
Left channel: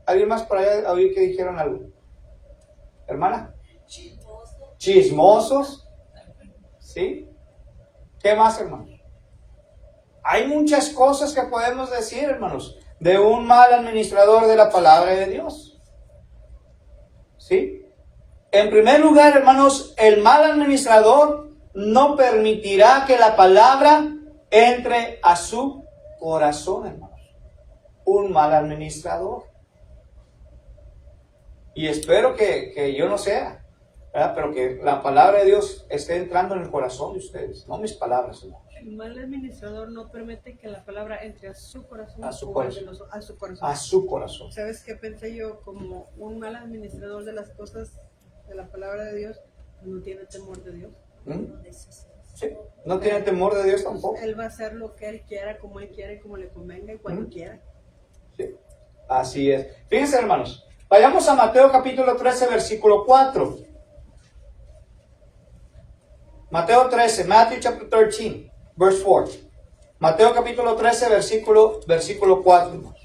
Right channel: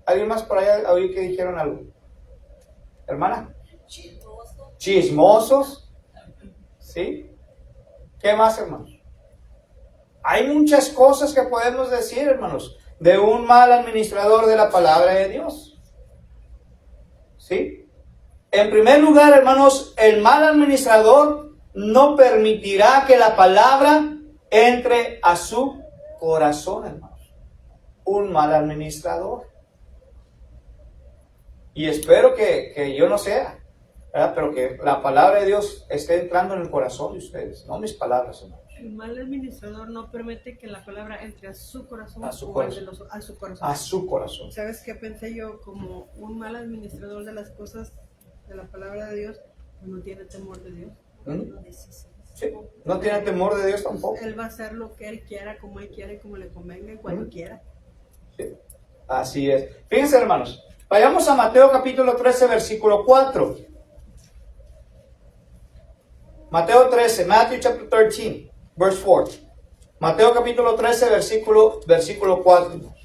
¿Alguien más por allá oí que dijeron algo? ¿Hermana? Chismosos. ¿Sí? ¿Qué más, hermanos? Hay muchas cosas que podemos decir, hermanos, de un mal administrador de la palabra de Dios. ¿Sí? En primer lugar, hermanos, el mal administrador no permitirá que la palabra entre a su corazón, hermanos. Un mal administrador. Y espero que yo no sea, ¿verdad? Pero que la palabra de Dios esté entrando en el corazón de ustedes, no mis palabras, hermanos. El mal administrador no permite que la palabra entre a su corazón. A su o corazón. a su corazón. A su corazón. ¿Sabes qué pensé yo? Como un mal administrador de las cosas de la palabra de Dios, no tiene temor de Dios. ¿Mm? Sí. No tiene temor de Dios tampoco. Él va a hacer lo que él quiera, como él quiere, como le convenga y cuando quiera. Sí. Así es. Fíjense, hermanos. Vayamos a Mateo capítulo 13, versículo 4. Mateo 13, Matthew chapter 13, verse 4. Mateo capítulo 13, versículo 4.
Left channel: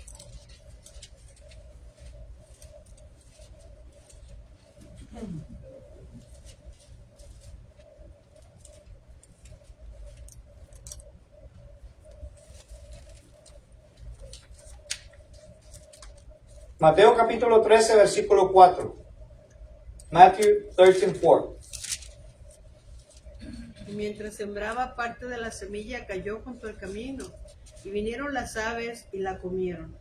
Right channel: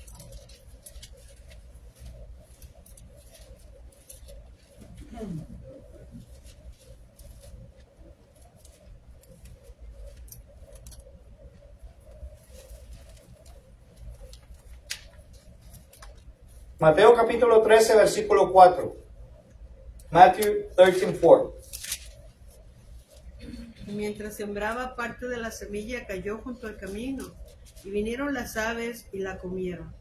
Mateo capítulo 13, versículo 4. Matthew 13, 4. Y mientras sembraba, parte de la semilla cayó junto al camino, y vinieron las aves y la comieron.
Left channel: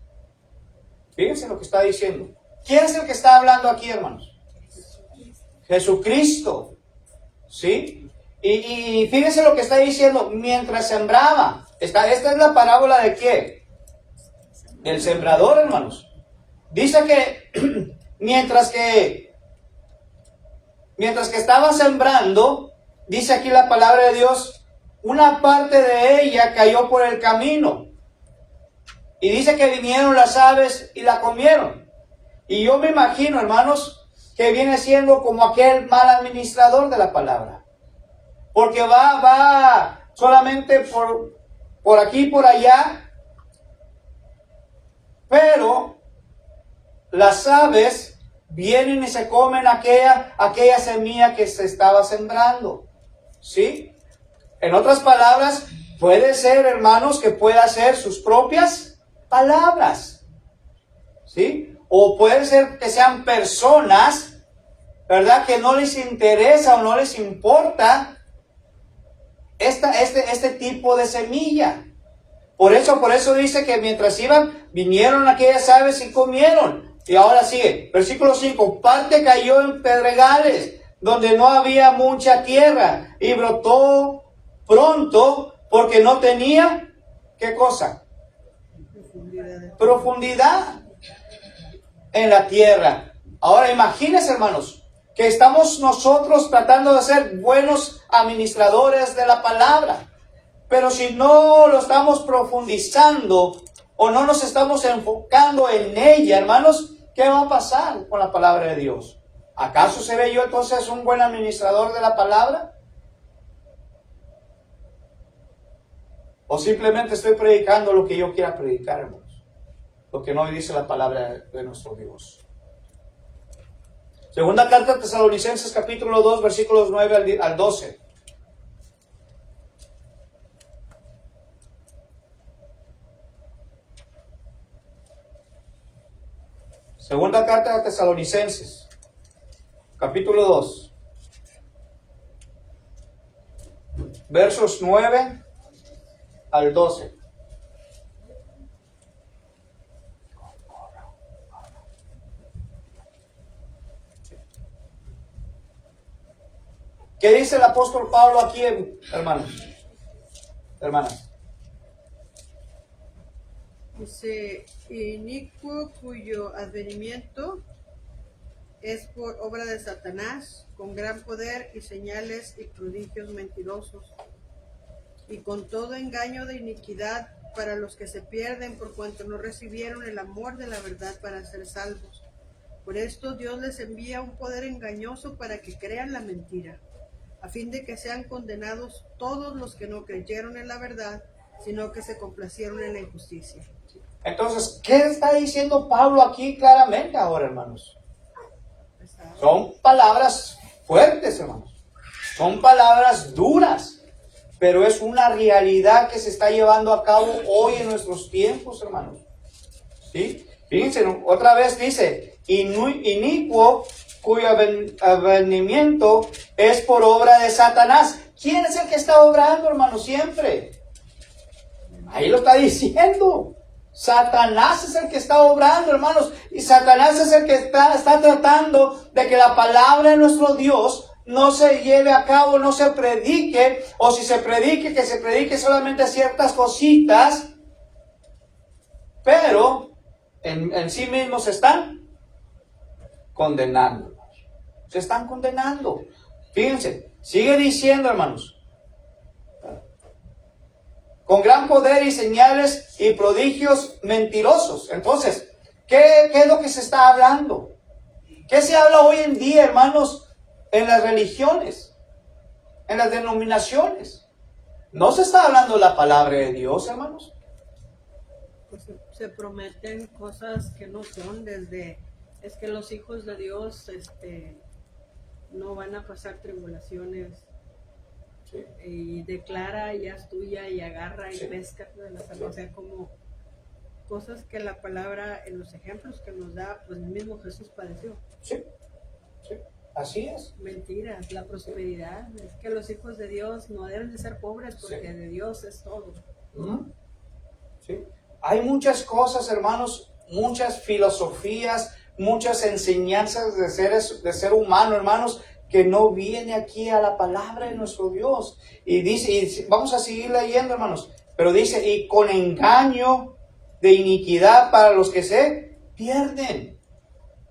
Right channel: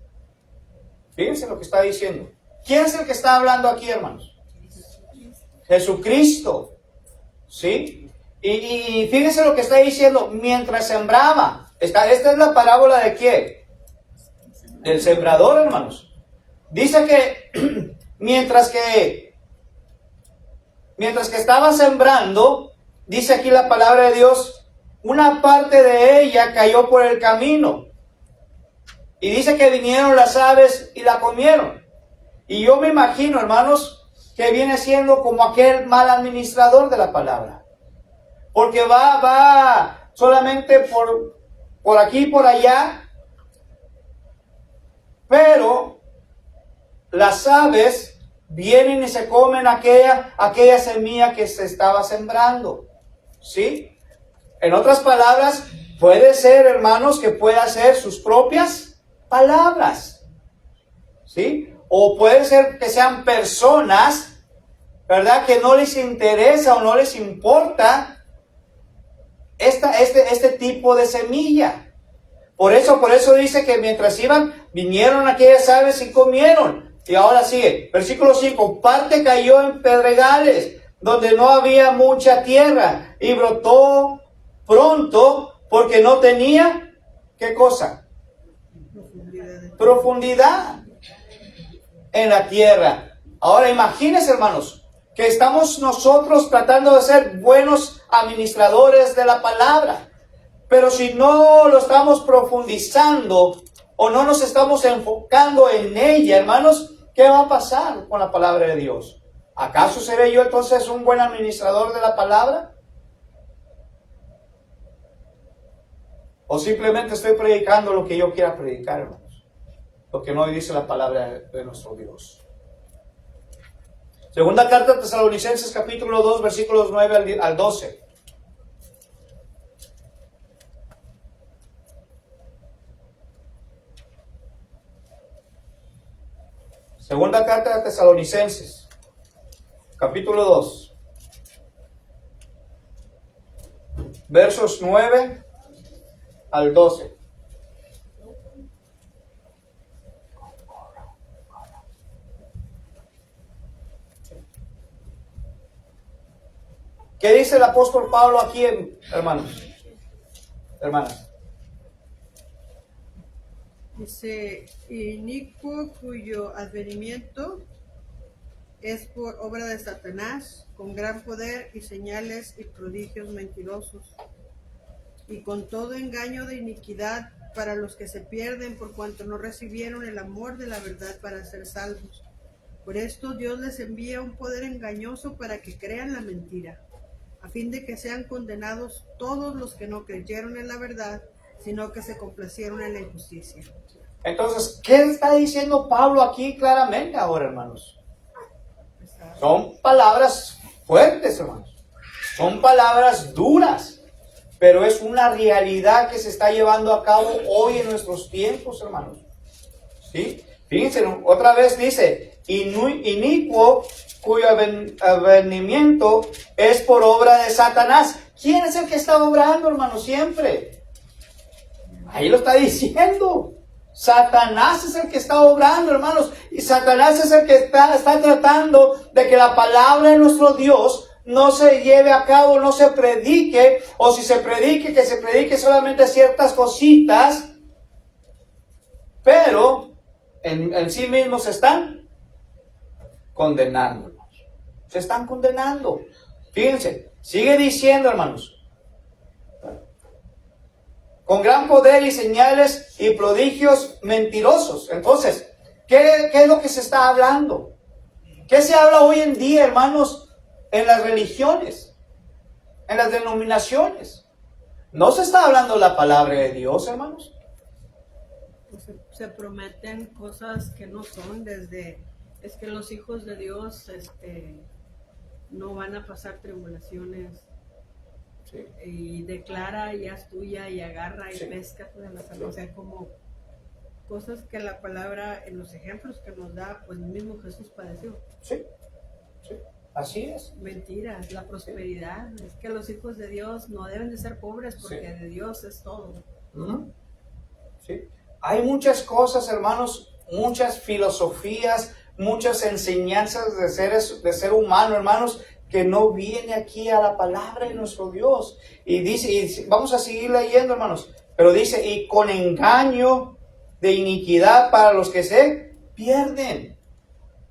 Fíjense lo que está diciendo. ¿Quién es el que está hablando aquí, hermanos? Jesucristo. ¿Sí? Y fíjense lo que está diciendo. Mientras sembraba. Esta es la parábola de quién? Del sembrador, hermanos. Dice que mientras que estaba sembrando, dice aquí la palabra de Dios, una parte de ella cayó por el camino. Y dice que vinieron las aves y la comieron. Y yo me imagino, hermanos, que viene siendo como aquel mal administrador de la palabra. Porque va solamente por aquí y por allá. Pero las aves vienen y se comen aquella semilla que se estaba sembrando. ¿Sí? En otras palabras, puede ser, hermanos, que pueda ser sus propias palabras. ¿Sí? O puede ser que sean personas ¿verdad? Que no les interesa o no les importa este tipo de semilla. Por eso dice que mientras iban, vinieron aquellas aves y comieron. Y ahora sigue, versículo 5, parte cayó en pedregales, donde no había mucha tierra, y brotó pronto, porque no tenía, ¿qué cosa? Profundidad en la tierra. Ahora imagínense, hermanos, que estamos nosotros tratando de ser buenos administradores de la palabra. Pero si no lo estamos profundizando o no nos estamos enfocando en ella, hermanos, ¿qué va a pasar con la palabra de Dios? ¿Acaso seré yo entonces un buen administrador de la palabra? ¿O simplemente estoy predicando lo que yo quiera predicar, hermanos? Lo que no dice la palabra de nuestro Dios. Segunda carta a Tesalonicenses capítulo 2, versículos 9 al 12. Segunda carta a Tesalonicenses, capítulo 2, versos 9 al 12. ¿Qué dice el apóstol Pablo aquí, hermanos? Hermanas. Dice, inicuo cuyo advenimiento es por obra de Satanás, con gran poder y señales y prodigios mentirosos, y con todo engaño de iniquidad para los que se pierden por cuanto no recibieron el amor de la verdad para ser salvos. Por esto Dios les envía un poder engañoso para que crean la mentira, a fin de que sean condenados todos los que no creyeron en la verdad, sino que se complacieron en la injusticia. Entonces, ¿qué está diciendo Pablo aquí claramente ahora, hermanos? Son palabras fuertes, hermanos. Son palabras duras. Pero es una realidad que se está llevando a cabo hoy en nuestros tiempos, hermanos. ¿Sí? Fíjense, otra vez dice, inicuo cuyo advenimiento es por obra de Satanás. ¿Quién es el que está obrando, hermanos? Siempre. Ahí lo está diciendo. Satanás es el que está obrando, hermanos. Y Satanás es el que está tratando de que la palabra de nuestro Dios no se lleve a cabo, no se predique. O si se predique, que se predique solamente ciertas cositas. Pero en sí mismos se están condenando. Se están condenando. Fíjense, sigue diciendo, hermanos. Con gran poder y señales y prodigios mentirosos. Entonces, ¿qué es lo que se está hablando? ¿Qué se habla hoy en día, hermanos, en las religiones, en las denominaciones? ¿No se está hablando la palabra de Dios, hermanos? Pues se prometen cosas que no son, desde es que los hijos de Dios no van a pasar tribulaciones. Sí. Y declara, ya es tuya, y agarra y Sí. pesca toda la salud. O sea, como cosas que la palabra, en los ejemplos que nos da, pues el mismo Jesús padeció. Sí, sí, así es. Mentiras, la prosperidad. Es que los hijos de Dios no deben de ser pobres porque Sí. de Dios es todo. Sí. Hay muchas cosas, hermanos, muchas filosofías, muchas enseñanzas de ser humano, hermanos, que no viene aquí a la palabra de nuestro Dios. Y dice, vamos a seguir leyendo, hermanos, pero dice, y con engaño de iniquidad para los que se pierden.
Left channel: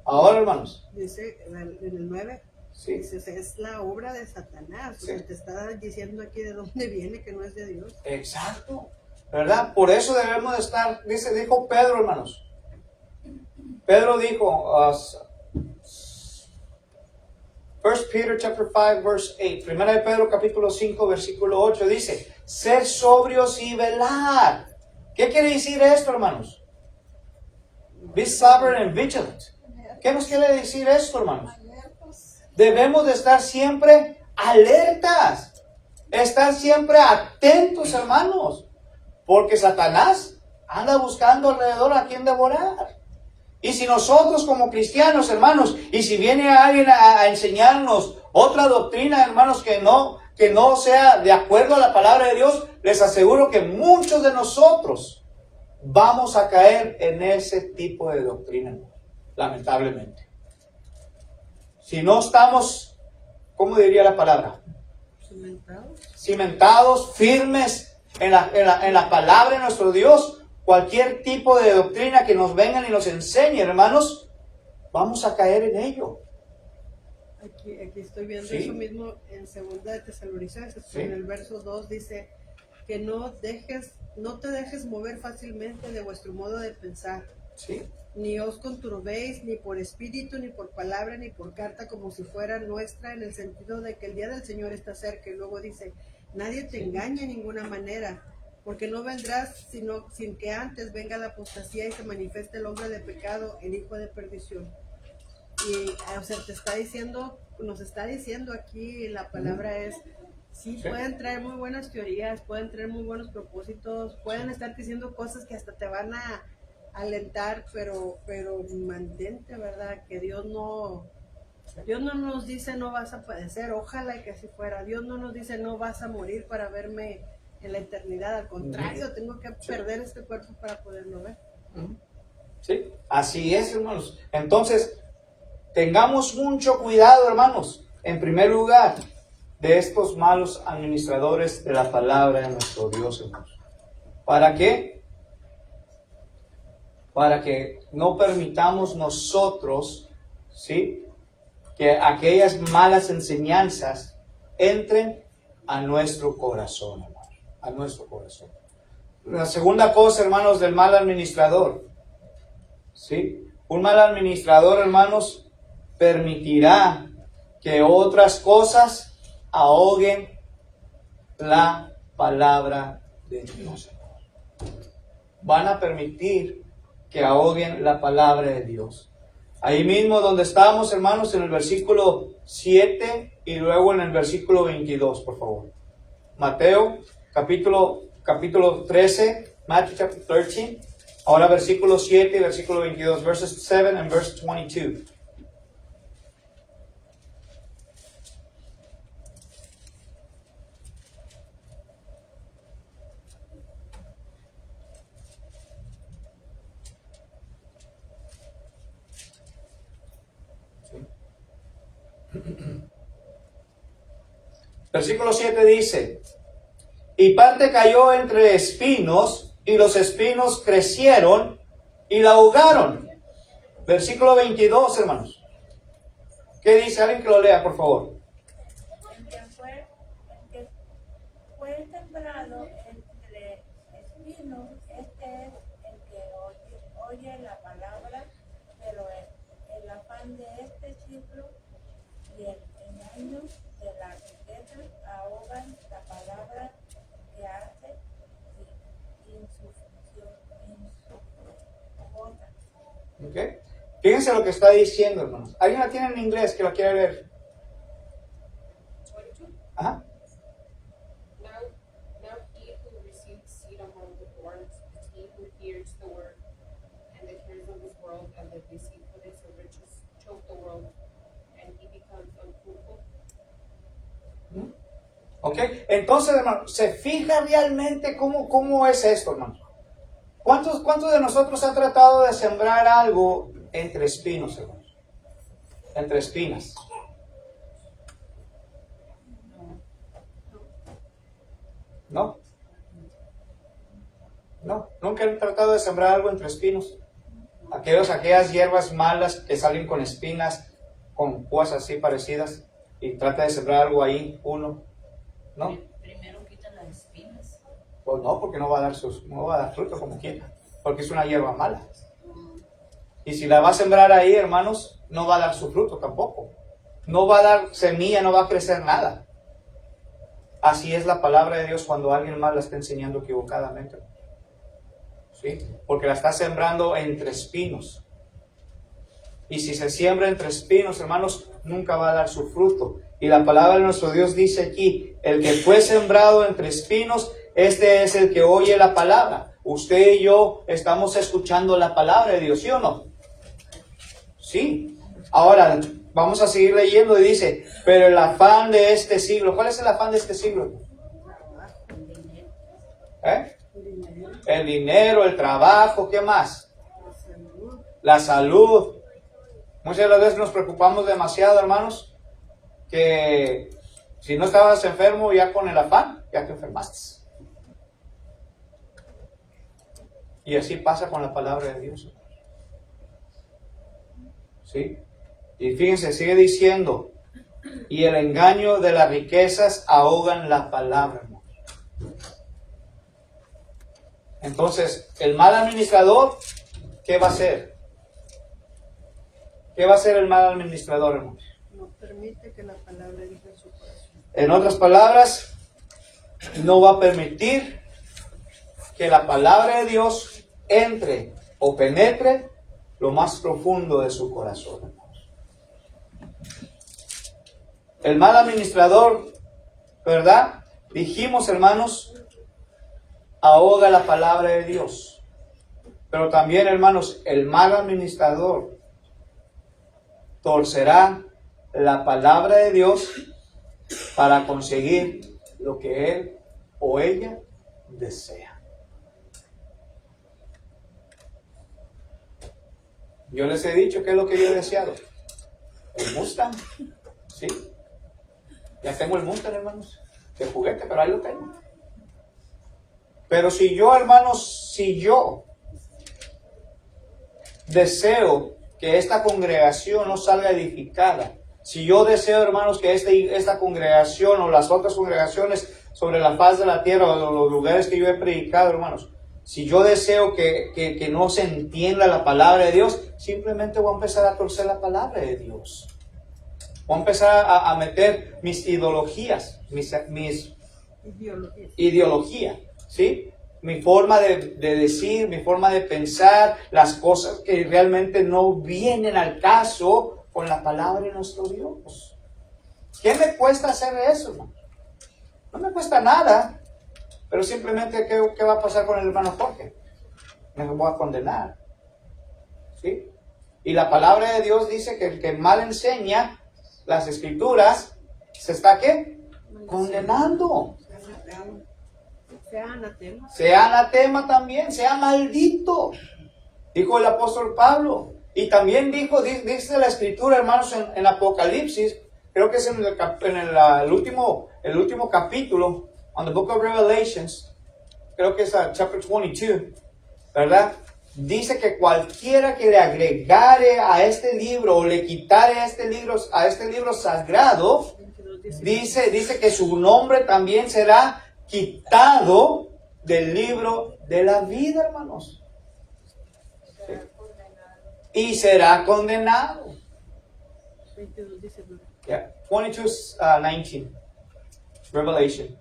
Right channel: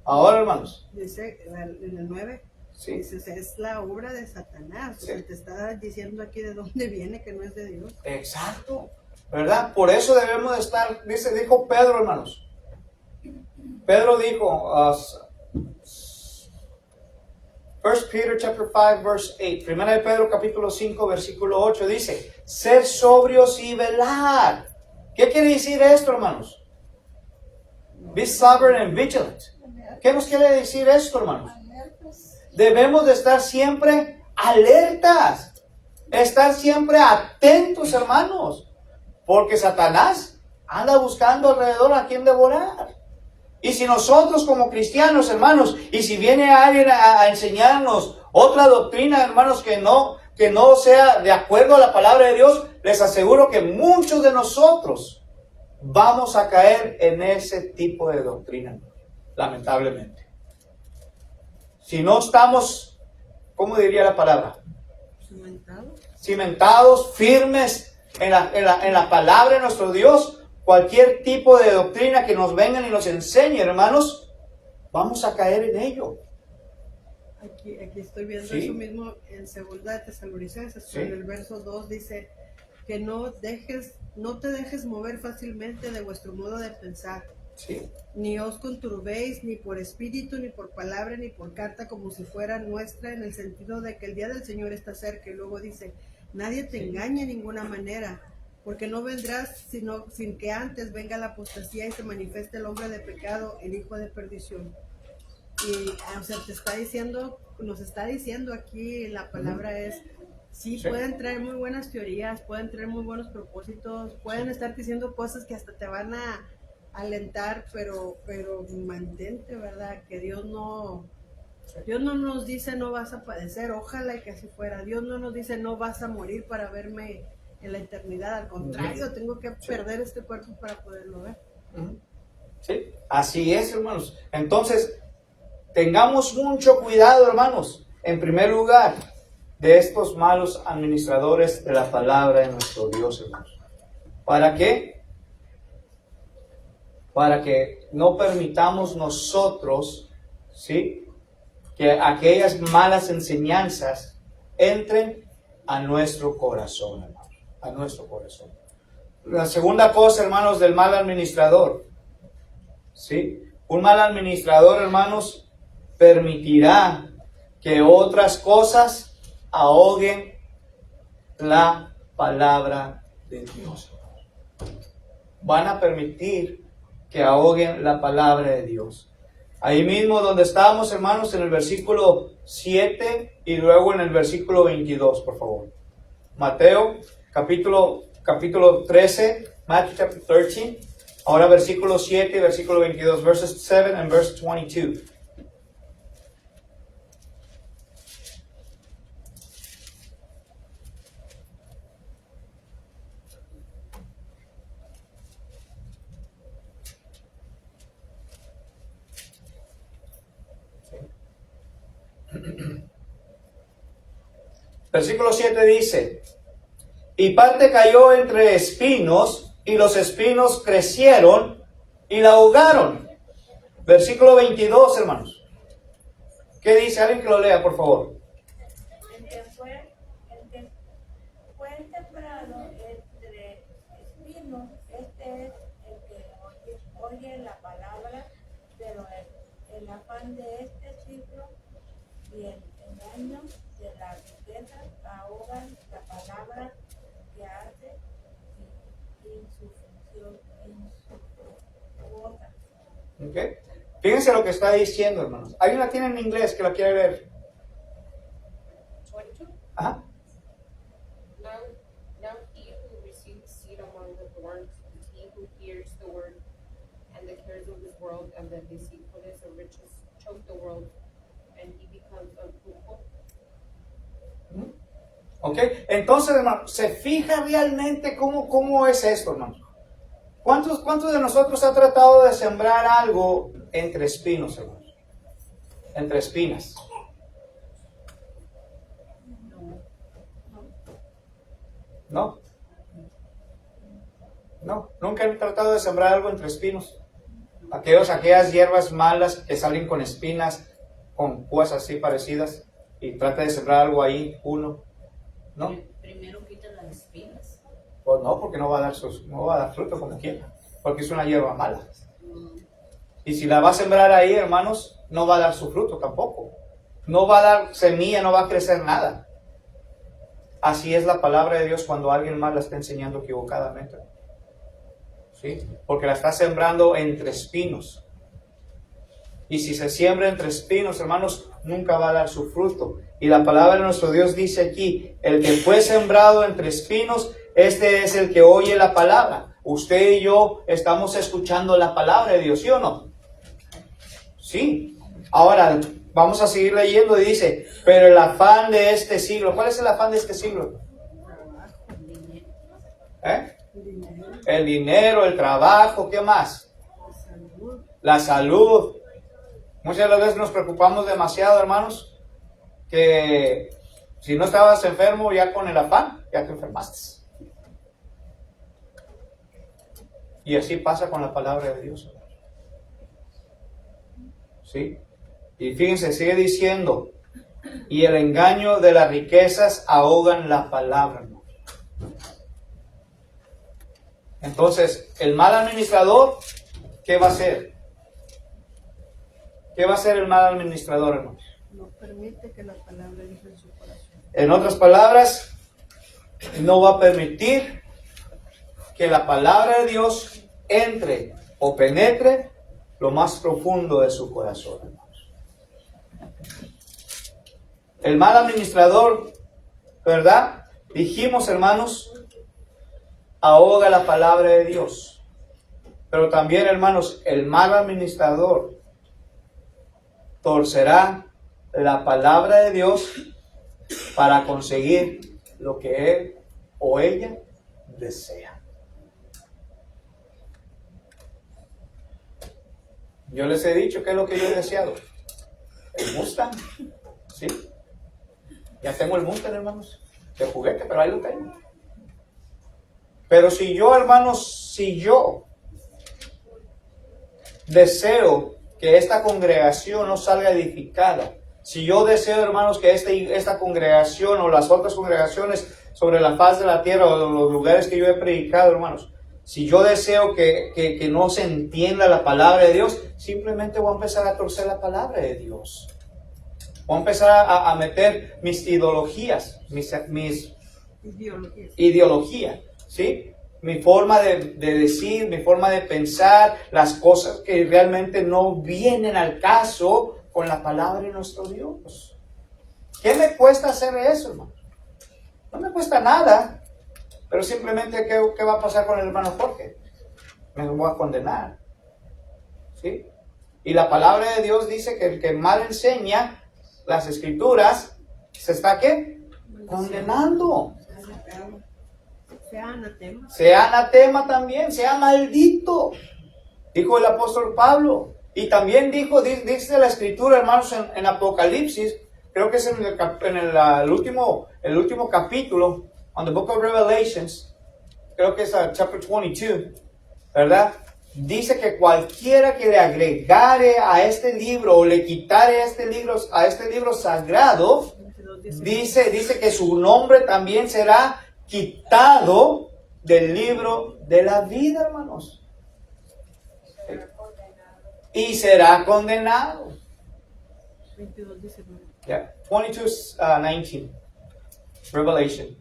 Ahora, hermanos. Dice en el 9, Sí. dice, es la obra de Satanás. Sí. O sea, te está diciendo aquí de dónde viene, que no es de Dios. Exacto, ¿verdad? Por eso debemos de estar, dijo Pedro, hermanos. Pedro dijo, 1 Peter chapter 5 verse 8, Primera de Pedro capítulo 5 versículo 8 dice, ser sobrios y velar. ¿Qué quiere decir esto, hermanos? Be sober and vigilant. ¿Qué nos quiere decir esto, hermanos? Alertas. Debemos de estar siempre alertas, estar siempre atentos, hermanos, porque Satanás anda buscando alrededor a quien devorar. Y si nosotros como cristianos, hermanos, y si viene alguien a enseñarnos otra doctrina, hermanos, que no sea de acuerdo a la palabra de Dios, les aseguro que muchos de nosotros vamos a caer en ese tipo de doctrina, lamentablemente. Si no estamos, ¿cómo diría la palabra? Cimentados, firmes en la palabra de nuestro Dios, cualquier tipo de doctrina que nos vengan y nos enseñe, hermanos, vamos a caer en ello. Aquí estoy viendo Sí. eso mismo en 2 de Tesalonicenses, Sí. en el verso 2 dice que no te dejes mover fácilmente de vuestro modo de pensar, Sí. ni os conturbéis ni por espíritu, ni por palabra, ni por carta, como si fuera nuestra, en el sentido de que el día del Señor está cerca. Y luego dice, nadie te engañe en ninguna manera, porque no vendrás sin que antes venga la apostasía y se manifieste el hombre de pecado, el hijo de perdición. Y o sea, nos está diciendo aquí, la palabra es, sí, Sí. pueden traer muy buenas teorías, pueden traer muy buenos propósitos, pueden estar diciendo cosas que hasta te van a alentar, pero mantente, ¿verdad? Que Dios no nos dice no vas a padecer, ojalá que así fuera. Dios no nos dice no vas a morir para verme en la eternidad, al contrario, tengo que perder este cuerpo para poderlo ver. ¿Sí? Así es, hermanos. Entonces, tengamos mucho cuidado, hermanos, en primer lugar, de estos malos administradores de la palabra de nuestro Dios, hermanos. ¿Para qué? Para que no permitamos nosotros, ¿sí?, que aquellas malas enseñanzas entren a nuestro corazón, hermanos, a nuestro corazón. La segunda cosa, hermanos, del mal administrador, ¿sí? Un mal administrador, hermanos, permitirá que otras cosas ahoguen la palabra de Dios. Van a permitir que ahoguen la palabra de Dios. Ahí mismo donde estábamos, hermanos, en el versículo 7 y luego en el versículo 22, por favor. Mateo, capítulo 13, Matthew chapter 13. Ahora versículo 7 y versículo 22, verses 7 and verse 22. Versículo 7 dice, y parte cayó entre espinos, y los espinos crecieron y la ahogaron. Versículo 22, hermanos. ¿Qué dice? Alguien que lo lea, por favor. El que fue sembrado entre espinos, este es el que oye la palabra, pero el afán de este siglo y el engaño de la riqueza ahogan la palabra que hace infructuosa. Okay. Fíjense lo que está diciendo, hermanos. ¿Alguien la tiene en inglés que lo quiere ver? 22. Ajá. Now he who receives seed among the thorns is he who hears the word, and the cares of this world and the deceitfulness of riches choke the world, and he becomes unfruitful. Ok, entonces, hermano, ¿se fija realmente cómo es esto, hermano? ¿Cuántos de nosotros ha tratado de sembrar algo entre espinos, hermanos? Entre espinas. ¿No? No, nunca han tratado de sembrar algo entre espinos. Aquellas hierbas malas que salen con espinas, con cosas así parecidas, y trata de sembrar algo ahí, uno. ¿No? Primero quita las espinas. Pues no, porque no va a dar fruto como quiera, porque es una hierba mala. Y si la va a sembrar ahí, hermanos, no va a dar su fruto tampoco. No va a dar semilla, no va a crecer nada. Así es la palabra de Dios cuando alguien más la está enseñando equivocadamente. ¿Sí? Porque la está sembrando entre espinos. Y si se siembra entre espinos, hermanos, nunca va a dar su fruto. Y la palabra de nuestro Dios dice aquí, el que fue sembrado entre espinos, este es el que oye la palabra. Usted y yo estamos escuchando la palabra de Dios, ¿sí o no? Sí. Ahora, vamos a seguir leyendo y dice, pero el afán de este siglo, ¿cuál es el afán de este siglo? El dinero, el trabajo, ¿qué más? La salud. Muchas veces nos preocupamos demasiado, hermanos, que si no estabas enfermo ya con el afán, ya te enfermaste. Y así pasa con la palabra de Dios. ¿Sí? Y fíjense, sigue diciendo, y el engaño de las riquezas ahogan la palabra, hermano. Entonces, el mal administrador, ¿qué va a hacer? ¿Qué va a hacer el mal administrador, hermano? No permite que la palabra entre en su corazón. En otras palabras, no va a permitir que la palabra de Dios entre o penetre lo más profundo de su corazón, hermanos. El mal administrador, ¿verdad? Dijimos, hermanos, ahoga la palabra de Dios. Pero también, hermanos, el mal administrador torcerá la palabra de Dios para conseguir lo que él o ella desea. Yo les he dicho qué es lo que yo he deseado. El Mustang, ¿sí? Ya tengo el Mustang, hermanos, de juguete, pero ahí lo tengo. Pero si yo, hermanos, si yo deseo que esta congregación no salga edificada, si yo deseo, hermanos, que esta congregación o las otras congregaciones sobre la faz de la tierra o los lugares que yo he predicado, hermanos, si yo deseo que no se entienda la palabra de Dios, simplemente voy a empezar a torcer la palabra de Dios. Voy a empezar a meter mis ideologías, mis ideologías, ¿sí? Mi forma de decir, mi forma de pensar, las cosas que realmente no vienen al caso con la palabra de nuestro Dios. ¿Qué me cuesta hacer eso, hermano? No me cuesta nada, pero simplemente ¿qué va a pasar con el hermano Jorge? Me voy a condenar, ¿sí? Y la palabra de Dios dice que el que mal enseña las escrituras se está ¿qué? Condenando. Sea anatema. Sea anatema también, sea maldito, dijo el apóstol Pablo. Y también dice la escritura, hermanos, en Apocalipsis, creo que es en el último capítulo, on the book of Revelations, creo que es chapter 22, ¿verdad? Dice que cualquiera que le agregare a este libro o le quitare a este libro sagrado, dice que su nombre también será quitado del libro de la vida, hermanos. Sí. Y será condenado. 22:19. Yeah. 22:19. Revelation.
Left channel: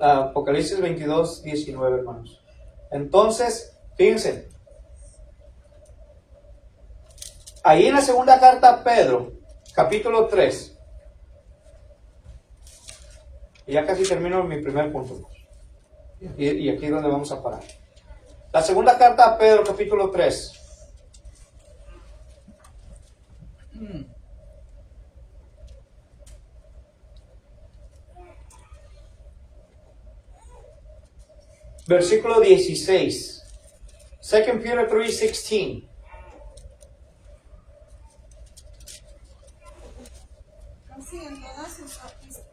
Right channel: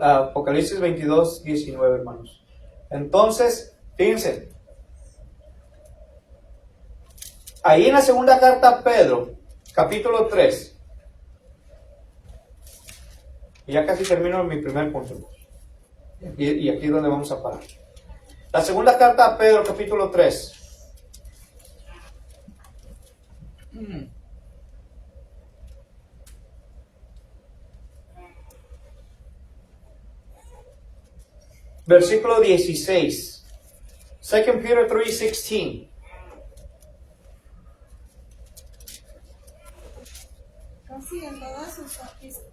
Apocalipsis 22:19, hermanos. Entonces, fíjense. Ahí en la segunda carta a Pedro, capítulo 3. Y ya casi termino mi primer punto. Y aquí es donde vamos a parar. La segunda carta a Pedro, capítulo 3. Versículo 16. 2 Peter 3:16. Casi en todas sus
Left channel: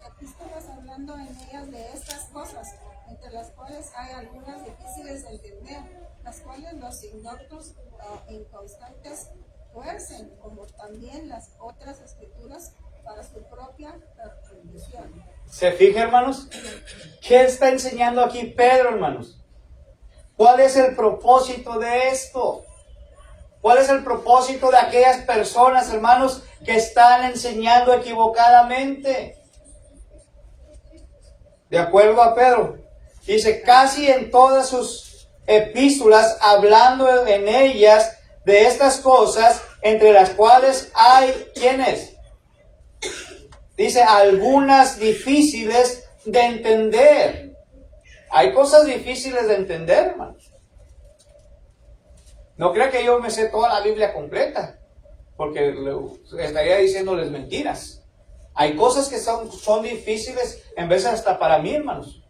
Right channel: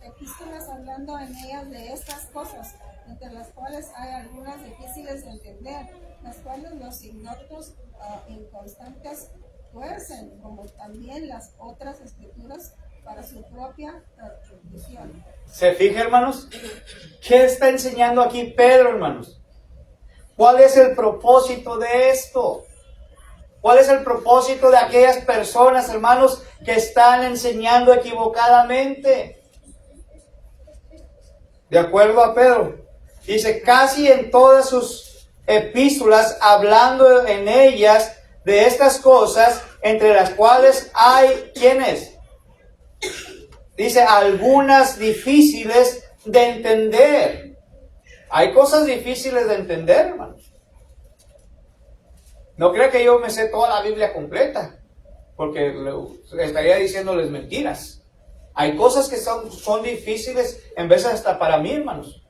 epístolas hablando en ellas de estas cosas, entre las cuales hay algunas difíciles de entender, las cuales los ignotos inconstantes tuercen, como también las otras escrituras para su propia perdición. ¿Se fija, hermanos? ¿Qué está enseñando aquí Pedro, hermanos? ¿Cuál es el propósito de esto? ¿Cuál es el propósito de aquellas personas, hermanos, que están enseñando equivocadamente? De acuerdo a Pedro, dice casi en todas sus epístolas, hablando en ellas de estas cosas, entre las cuales hay, ¿quiénes? Dice, algunas difíciles de entender. Hay cosas difíciles de entender, hermanos. No creo que yo me sé toda la Biblia completa, porque estaría diciéndoles mentiras. Hay cosas que son difíciles, en veces hasta para mí, hermanos.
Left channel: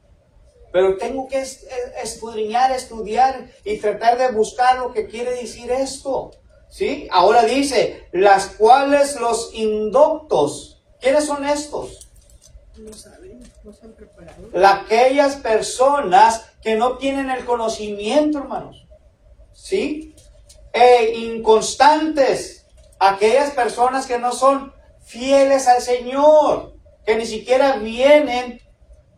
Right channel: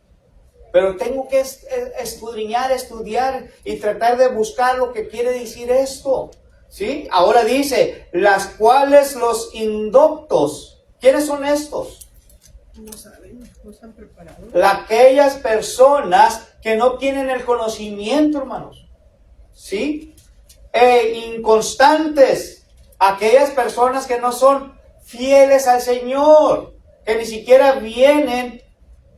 Pero tengo que escudriñar, estudiar y tratar de buscar lo que quiere decir esto. ¿Sí? Ahora dice, las cuales los indoctos. ¿Quiénes son estos? No saben, no están preparados. Aquellas personas que no tienen el conocimiento, hermanos. ¿Sí? Inconstantes. Aquellas personas que no son fieles al Señor. Que ni siquiera vienen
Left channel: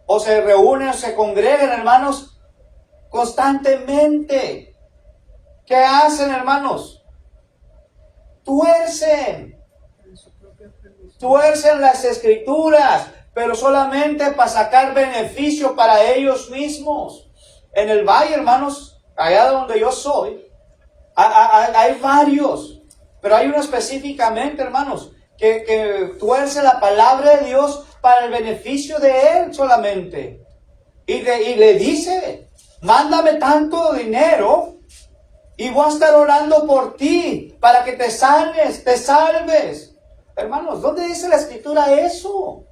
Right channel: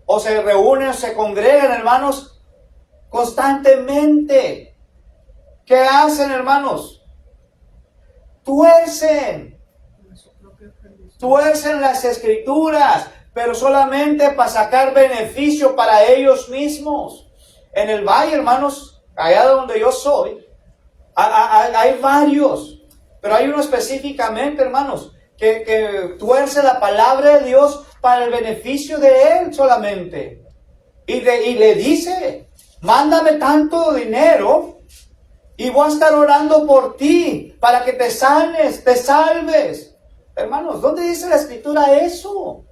o se reúnen o se congregan, hermanos, constantemente. ¿Qué hacen, hermanos? Tuercen las escrituras, pero solamente para sacar beneficio para ellos mismos. En el valle, hermanos, allá donde yo soy, hay varios, pero hay uno específicamente, hermanos, que tuerce la palabra de Dios para el beneficio de él solamente. Y le dice, mándame tanto dinero y voy a estar orando por ti para que te sanes, te salves. Hermanos, ¿dónde dice la escritura eso?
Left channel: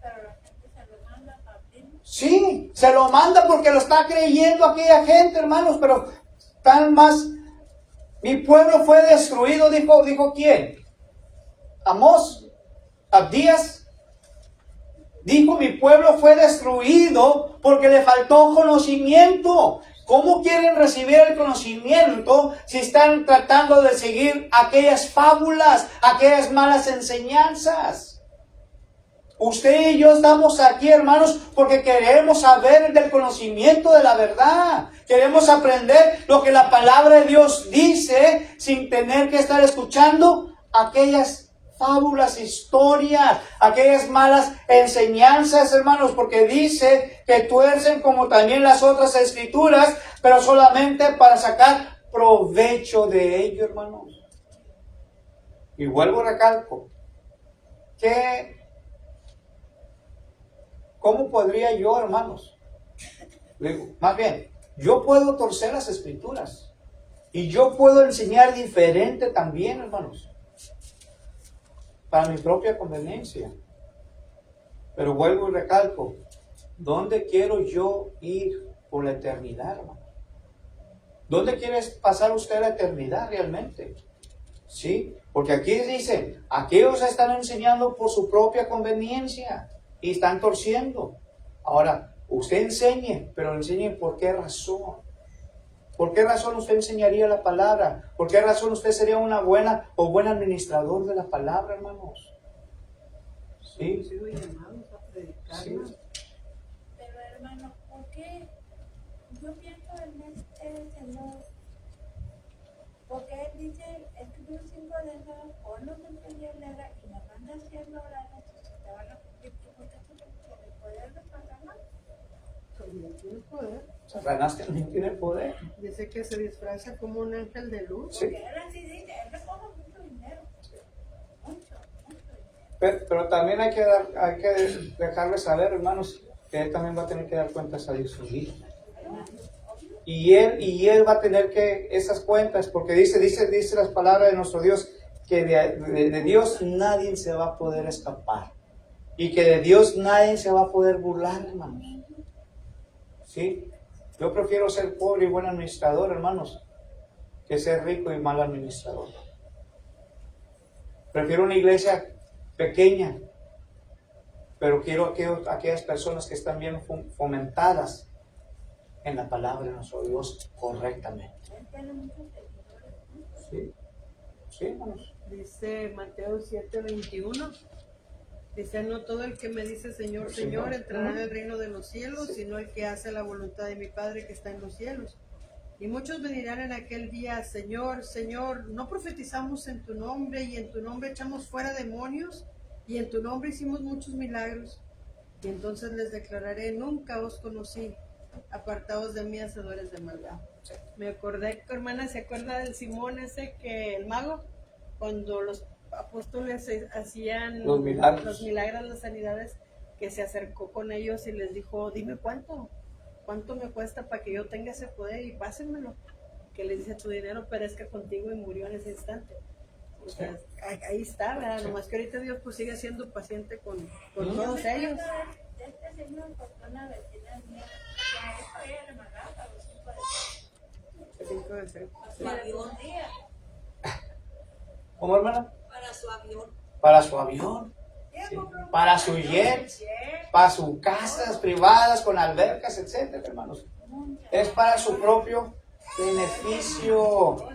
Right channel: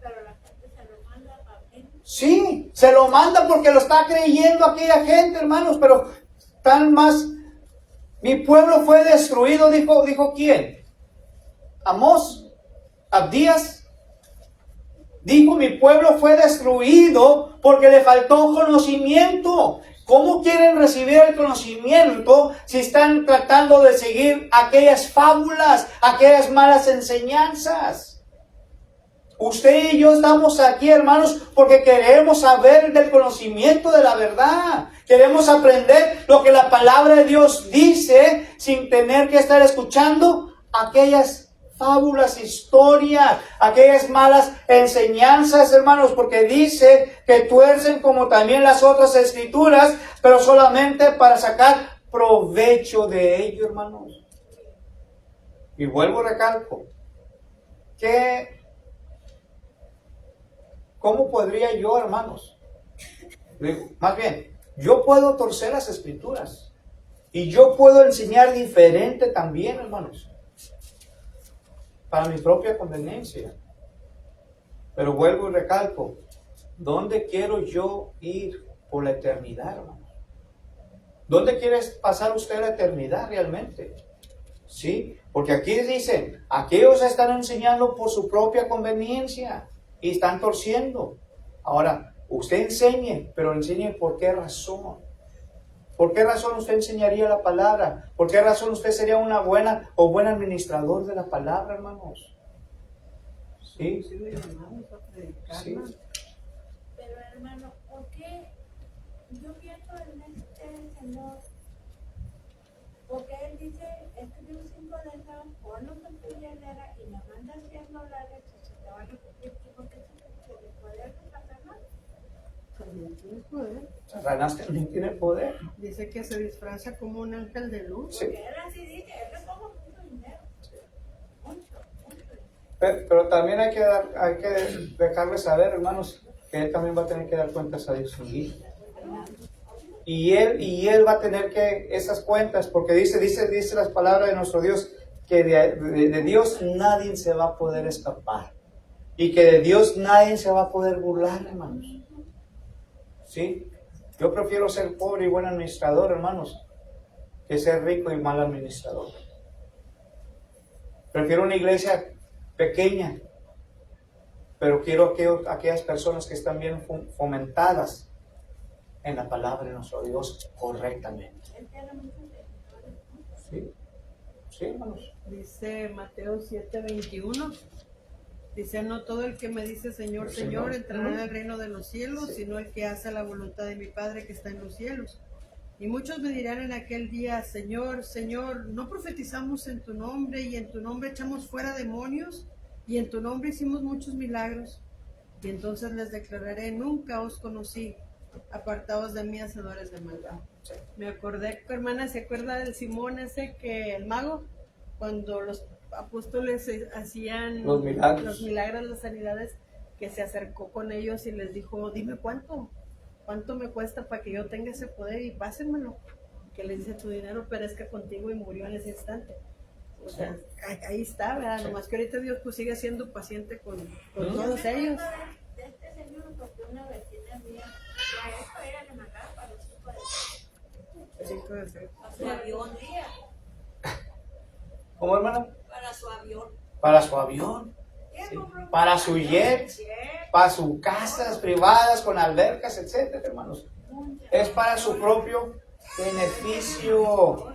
Pero la gente se lo manda para mí. Sí, se lo manda porque lo está creyendo aquella gente, hermanos, pero tal más. Mi pueblo fue destruido, dijo ¿quién? Amós, Abdías. Dijo, mi pueblo fue destruido porque le faltó conocimiento. ¿Cómo quieren recibir el conocimiento si están tratando de seguir aquellas fábulas, aquellas malas enseñanzas? Usted y yo estamos aquí, hermanos, porque queremos saber del conocimiento de la verdad. Queremos aprender lo que la palabra de Dios dice sin tener que estar escuchando aquellas fábulas, historias, aquellas malas enseñanzas, hermanos, porque dice que tuercen como también las otras escrituras, pero solamente para sacar provecho de ello, hermanos. Y vuelvo a recalco, ¿cómo podría yo, hermanos? Más bien, yo puedo torcer las escrituras y yo puedo enseñar diferente también, hermanos, para mi propia conveniencia. Pero vuelvo y recalco, ¿dónde quiero yo ir por la eternidad, hermanos? ¿Dónde quiere pasar usted la eternidad realmente? ¿Sí? Porque aquí dicen, aquellos están enseñando por su propia conveniencia y están torciendo. Ahora, usted enseñe, pero enseñe por qué razón. ¿Por qué razón usted enseñaría la palabra? ¿Por qué razón usted sería una buena o buen administrador de la palabra, hermanos? ¿Sí? Sí. Pero hermano, ¿por qué yo pienso en este Señor? Porque Él dice, escribió 5 deseos, ponlos en tu hielera y me manda $100 y se te van a cumplir. ¿Y por qué tú tienes el poder de Satanás? También tiene poder. Satanás también tiene poder. Dice que se disfraza como un ángel de luz. Sí. Porque Él así dice, Él recoge mucho dinero. Mucho dinero. Pero también hay que dejarle saber, hermanos, que él también va a tener que dar cuentas a Dios un día. Y él va a tener que esas cuentas, porque dice las palabras de nuestro Dios, que de Dios nadie se va a poder escapar. Y que de Dios nadie se va a poder burlar, hermanos. ¿Sí? Yo prefiero ser pobre y buen administrador, hermanos, que ser rico y mal administrador. Prefiero una iglesia pequeña, pero quiero aquellas personas que están bien fomentadas en la palabra de nuestro Dios correctamente. Él tiene muchos seguidores. ¿Sí? Sí, hermanos. Dice Mateo 7:21. Dice, no todo el que me dice Señor, Señor, entrará en el reino de los cielos, sino el que hace la voluntad de mi Padre que está en los cielos. Y muchos me dirán en aquel día, Señor, Señor, ¿no profetizamos en tu nombre y en tu nombre echamos fuera demonios y en tu nombre hicimos muchos milagros? Y entonces les declararé, nunca os conocí, apartados de mí, hacedores de maldad. Me acordé, hermana, ¿se acuerda del Simón ese que el mago? Cuando los apóstoles hacían Los milagros, las sanidades, que se acercó con ellos y les dijo, dime cuánto me cuesta para que yo tenga ese poder y pásenmelo. que le dice tu dinero perezca contigo y murió en ese instante. O sea, ahí está, ¿verdad? Nomás que ahorita Dios pues sigue siendo paciente con todos ellos. De este señor, porque una vecina mía, ya eso ella le mandaba para los 5 de Su avión, ¿Cómo, hermano? para su avión. Para su avión, sí, para su jet, para sus casas privadas con albercas, etcétera, hermanos. Es para su propio beneficio.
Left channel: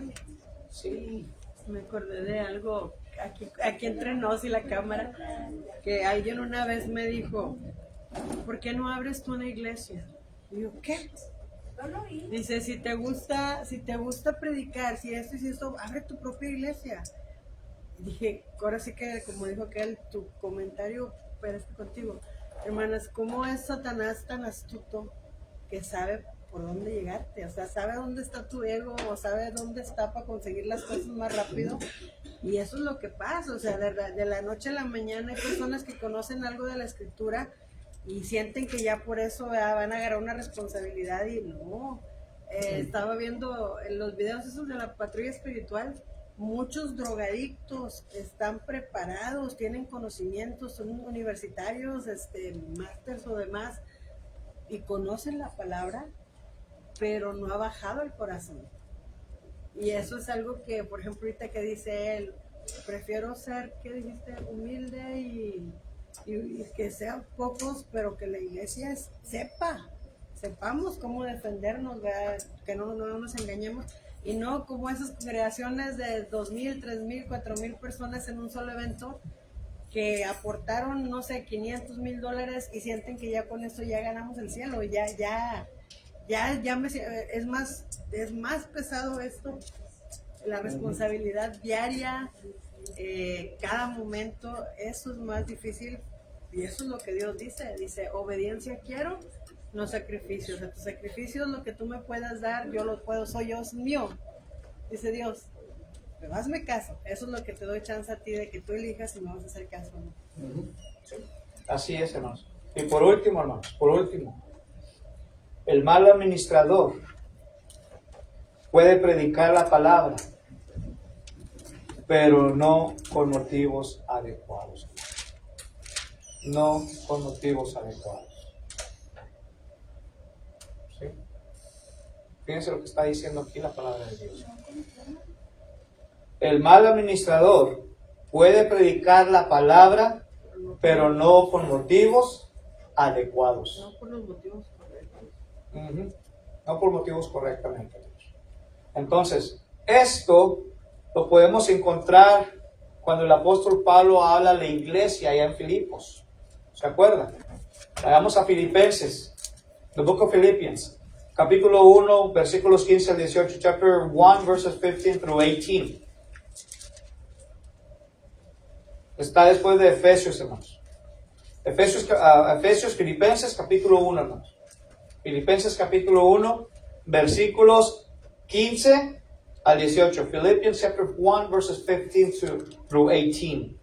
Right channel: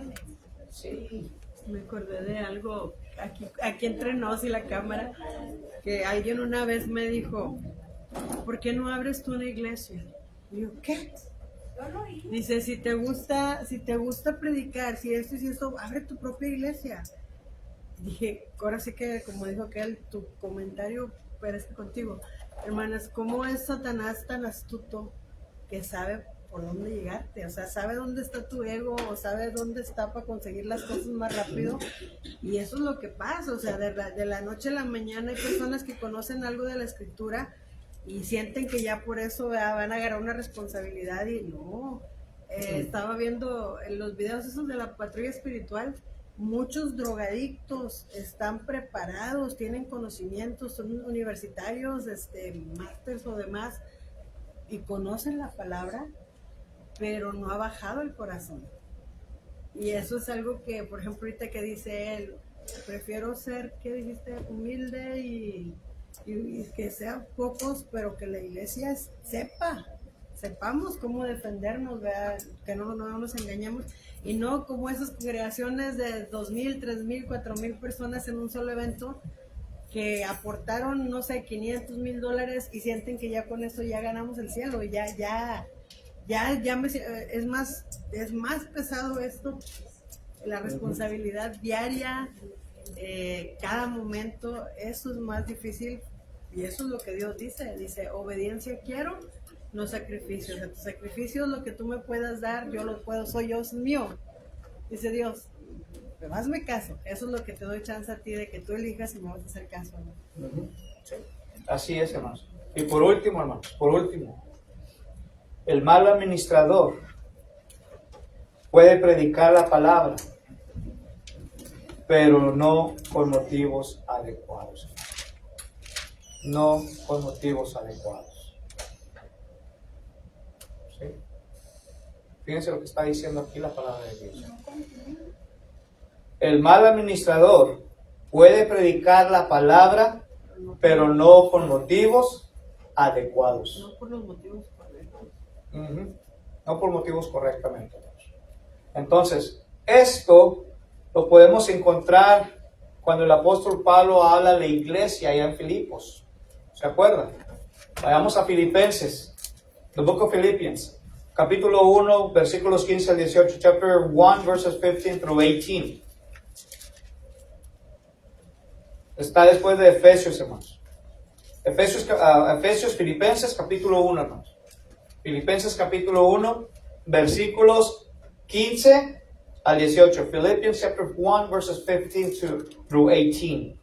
Sí. Me acordé de algo aquí entre nos y la cámara, que alguien una vez me dijo, ¿por qué no abres tú una iglesia? Y yo, ¿qué? Yo lo oí. Dice, si te gusta predicar, si esto, abre tu propia iglesia. Y dije, ahora sí que, como dijo aquel, tu comentario parece contigo. Hermanas, ¿cómo es Satanás tan astuto que sabe por dónde llegarte? O sea, sabe dónde está tu ego, o sabe dónde está para conseguir las cosas más rápido. Y eso es lo que pasa, o sea, de la noche a la mañana hay personas que conocen algo de la escritura y sienten que ya por eso van a agarrar una responsabilidad y no. Estaba viendo en los videos esos de la patrulla espiritual, muchos drogadictos están preparados, tienen conocimientos, son universitarios, másters o demás, y conocen la palabra, pero no ha bajado el corazón. Y eso es algo que, por ejemplo, ahorita que dice él, prefiero ser, ¿qué dijiste? Humilde y que sean pocos, pero que la iglesia sepamos cómo defendernos, ¿verdad? Que no nos engañemos, y no como esas congregaciones de 2,000, 3,000, 4,000 personas en un solo evento que aportaron, no sé, $500,000 y sienten que ya con eso ya ganamos el cielo, es más pesado esto, la responsabilidad diaria, cada momento, eso es más difícil, y eso es lo que Dios dice, obediencia quiero, no sacrificios. De tus sacrificios, lo que tú me puedas dar, yo lo puedo, soy yo, es mío, dice Dios. Pero hazme caso, eso es lo que te doy chance a ti de que tú elijas y me vas a hacer caso, ¿no? Sí. Así es, hermanos. Y por último, hermanos, el mal administrador puede predicar la palabra, pero no con motivos adecuados. No con motivos adecuados. ¿Sí? Fíjense lo que está diciendo aquí la palabra de Dios. El mal administrador puede predicar la palabra, pero no con motivos adecuados. No por los motivos correctos. No por motivos correctamente. Entonces, esto lo podemos encontrar cuando el apóstol Pablo habla de la iglesia allá en Filipos. ¿Se acuerdan? Vayamos a Filipenses, the book of Philippians, capítulo 1, versículos 15 al 18, chapter 1, verses 15 through 18. Está después de Efesios, hermanos. Filipenses, capítulo 1, hermanos. Filipenses, capítulo 1, versículos 15 al 18. Philippians, chapter 1, verses 15 through 18.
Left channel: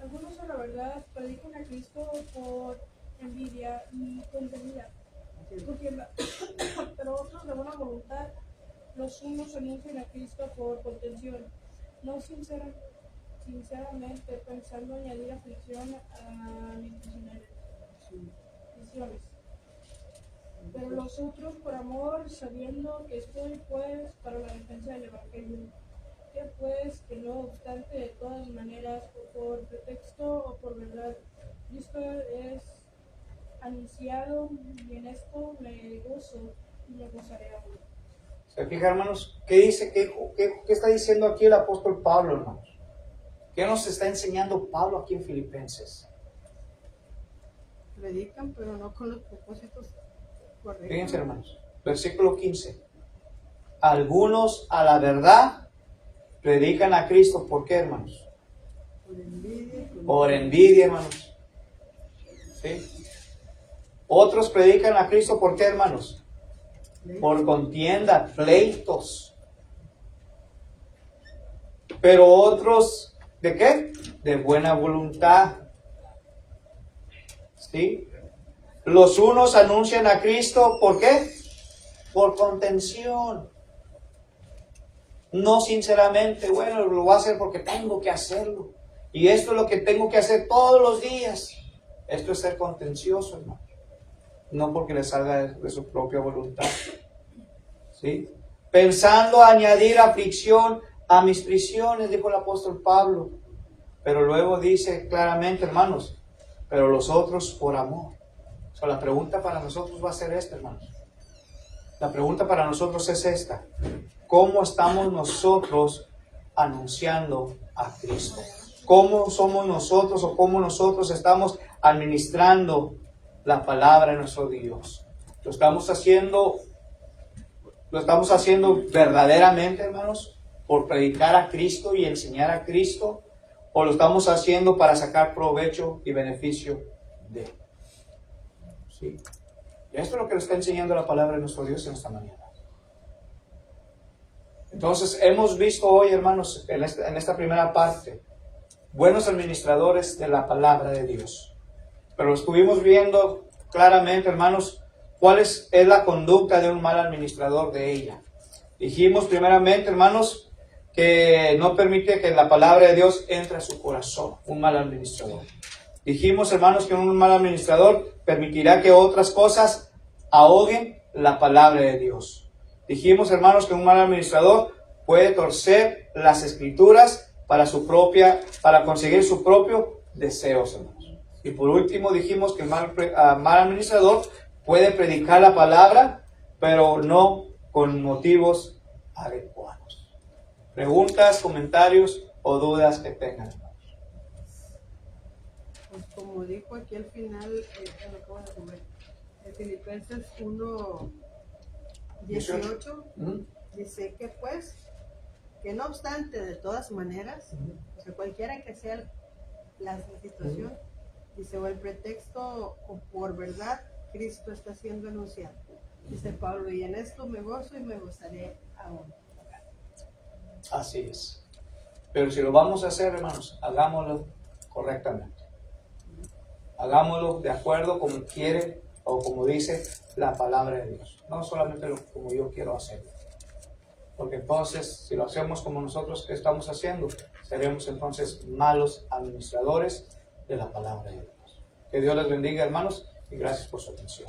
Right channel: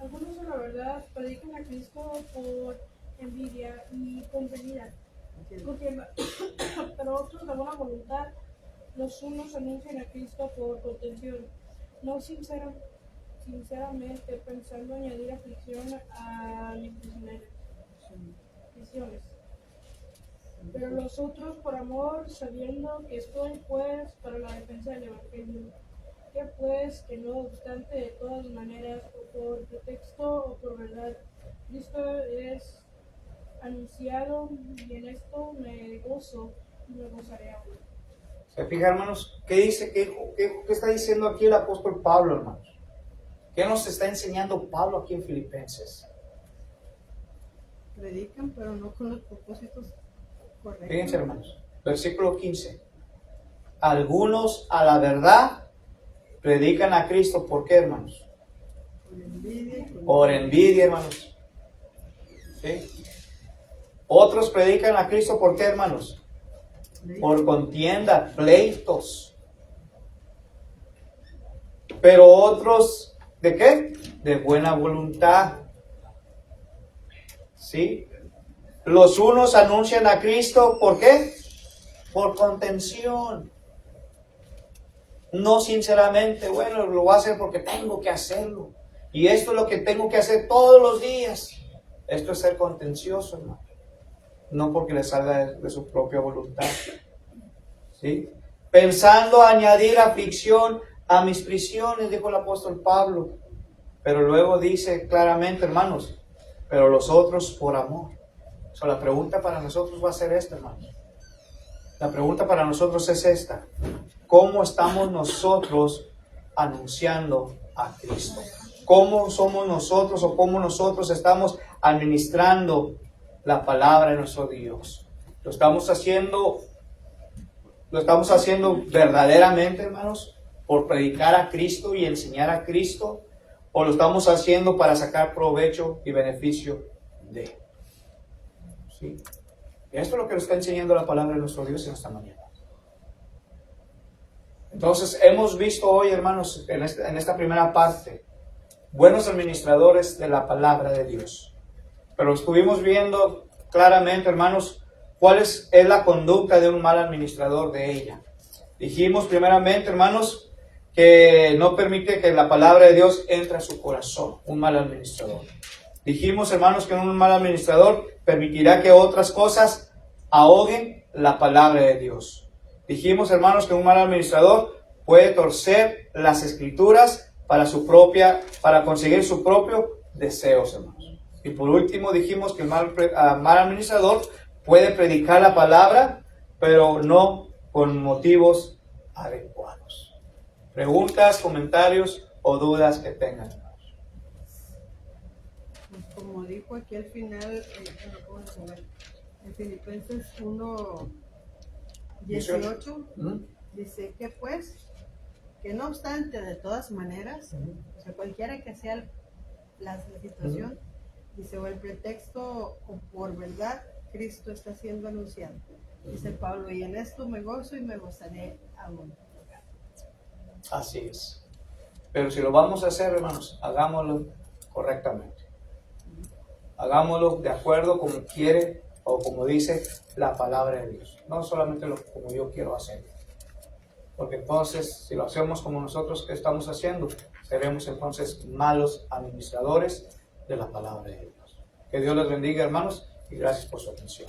Algunos, a la verdad, predican a Cristo por envidia y convenida, porque para otros de buena voluntad, los unos anuncian a Cristo por contención, no sinceramente pensando añadir aflicción a mis prisiones. Pero los otros por amor, sabiendo que estoy pues para la defensa del Evangelio, que pues que no obstante de todas maneras, o por pretexto o por verdad, Cristo es anunciado, y en esto me gozo y me gozaré aún. ¿Se fijan, hermanos? ¿Qué dice? ¿Qué está diciendo aquí el apóstol Pablo, hermanos? ¿Qué nos está enseñando Pablo aquí en Filipenses? Predican, pero no con los propósitos correctos. Fíjense, hermanos, versículo 15. Algunos a la verdad predican a Cristo. ¿Por qué, hermanos? Por envidia, hermanos. ¿Sí? Otros predican a Cristo. ¿Por qué, hermanos? Por contienda, pleitos. Pero otros, ¿de qué? De buena voluntad. ¿Sí? Los unos anuncian a Cristo, ¿por qué? por contención. No sinceramente, bueno, lo voy a hacer porque tengo que hacerlo. Y esto es lo que tengo que hacer todos los días. Esto es ser contencioso, hermano. No porque le salga de su propia voluntad. ¿Sí? Pensando añadir aflicción a mis prisiones, dijo el apóstol Pablo. Pero luego dice claramente, hermanos, pero los otros por amor. So, la pregunta para nosotros va a ser esta, hermanos. La pregunta para nosotros es esta. ¿Cómo estamos nosotros anunciando a Cristo? ¿Cómo somos nosotros o cómo nosotros estamos administrando la palabra de nuestro Dios? ¿Lo estamos haciendo verdaderamente, hermanos, por predicar a Cristo y enseñar a Cristo? ¿O lo estamos haciendo para sacar provecho y beneficio de? ¿Sí? Esto es lo que nos está enseñando la palabra de nuestro Dios en esta mañana. Entonces, hemos visto hoy, hermanos, en esta primera parte, buenos administradores de la palabra de Dios. Pero estuvimos viendo claramente, hermanos, cuál es la conducta de un mal administrador de ella. Dijimos primeramente, hermanos, que no permite que la palabra de Dios entre a su corazón, un mal administrador. Dijimos, hermanos, que un mal administrador permitirá que otras cosas ahoguen la palabra de Dios. Dijimos, hermanos, que un mal administrador puede torcer las escrituras para conseguir su propio deseos, hermanos. Y por último dijimos que el mal administrador puede predicar la palabra, pero no con motivos adecuados. Preguntas, comentarios o dudas que tengan, hermanos. Pues como dijo aquí al final, en Filipenses 1:18, dice que pues, que no obstante, de todas maneras, o sea, cualquiera que sea la situación, dice, o el pretexto o por verdad, Cristo está siendo anunciado. Dice Pablo, y en esto me gozo y me gozaré aún. Así es. Pero si lo vamos a hacer, hermanos, hagámoslo correctamente. Hagámoslo de acuerdo como quiere o como dice la palabra de Dios. No solamente como yo quiero hacerlo. Porque entonces, si lo hacemos como nosotros que estamos haciendo, seremos entonces malos administradores de la palabra de Dios. Que Dios les bendiga, hermanos, y gracias por su atención.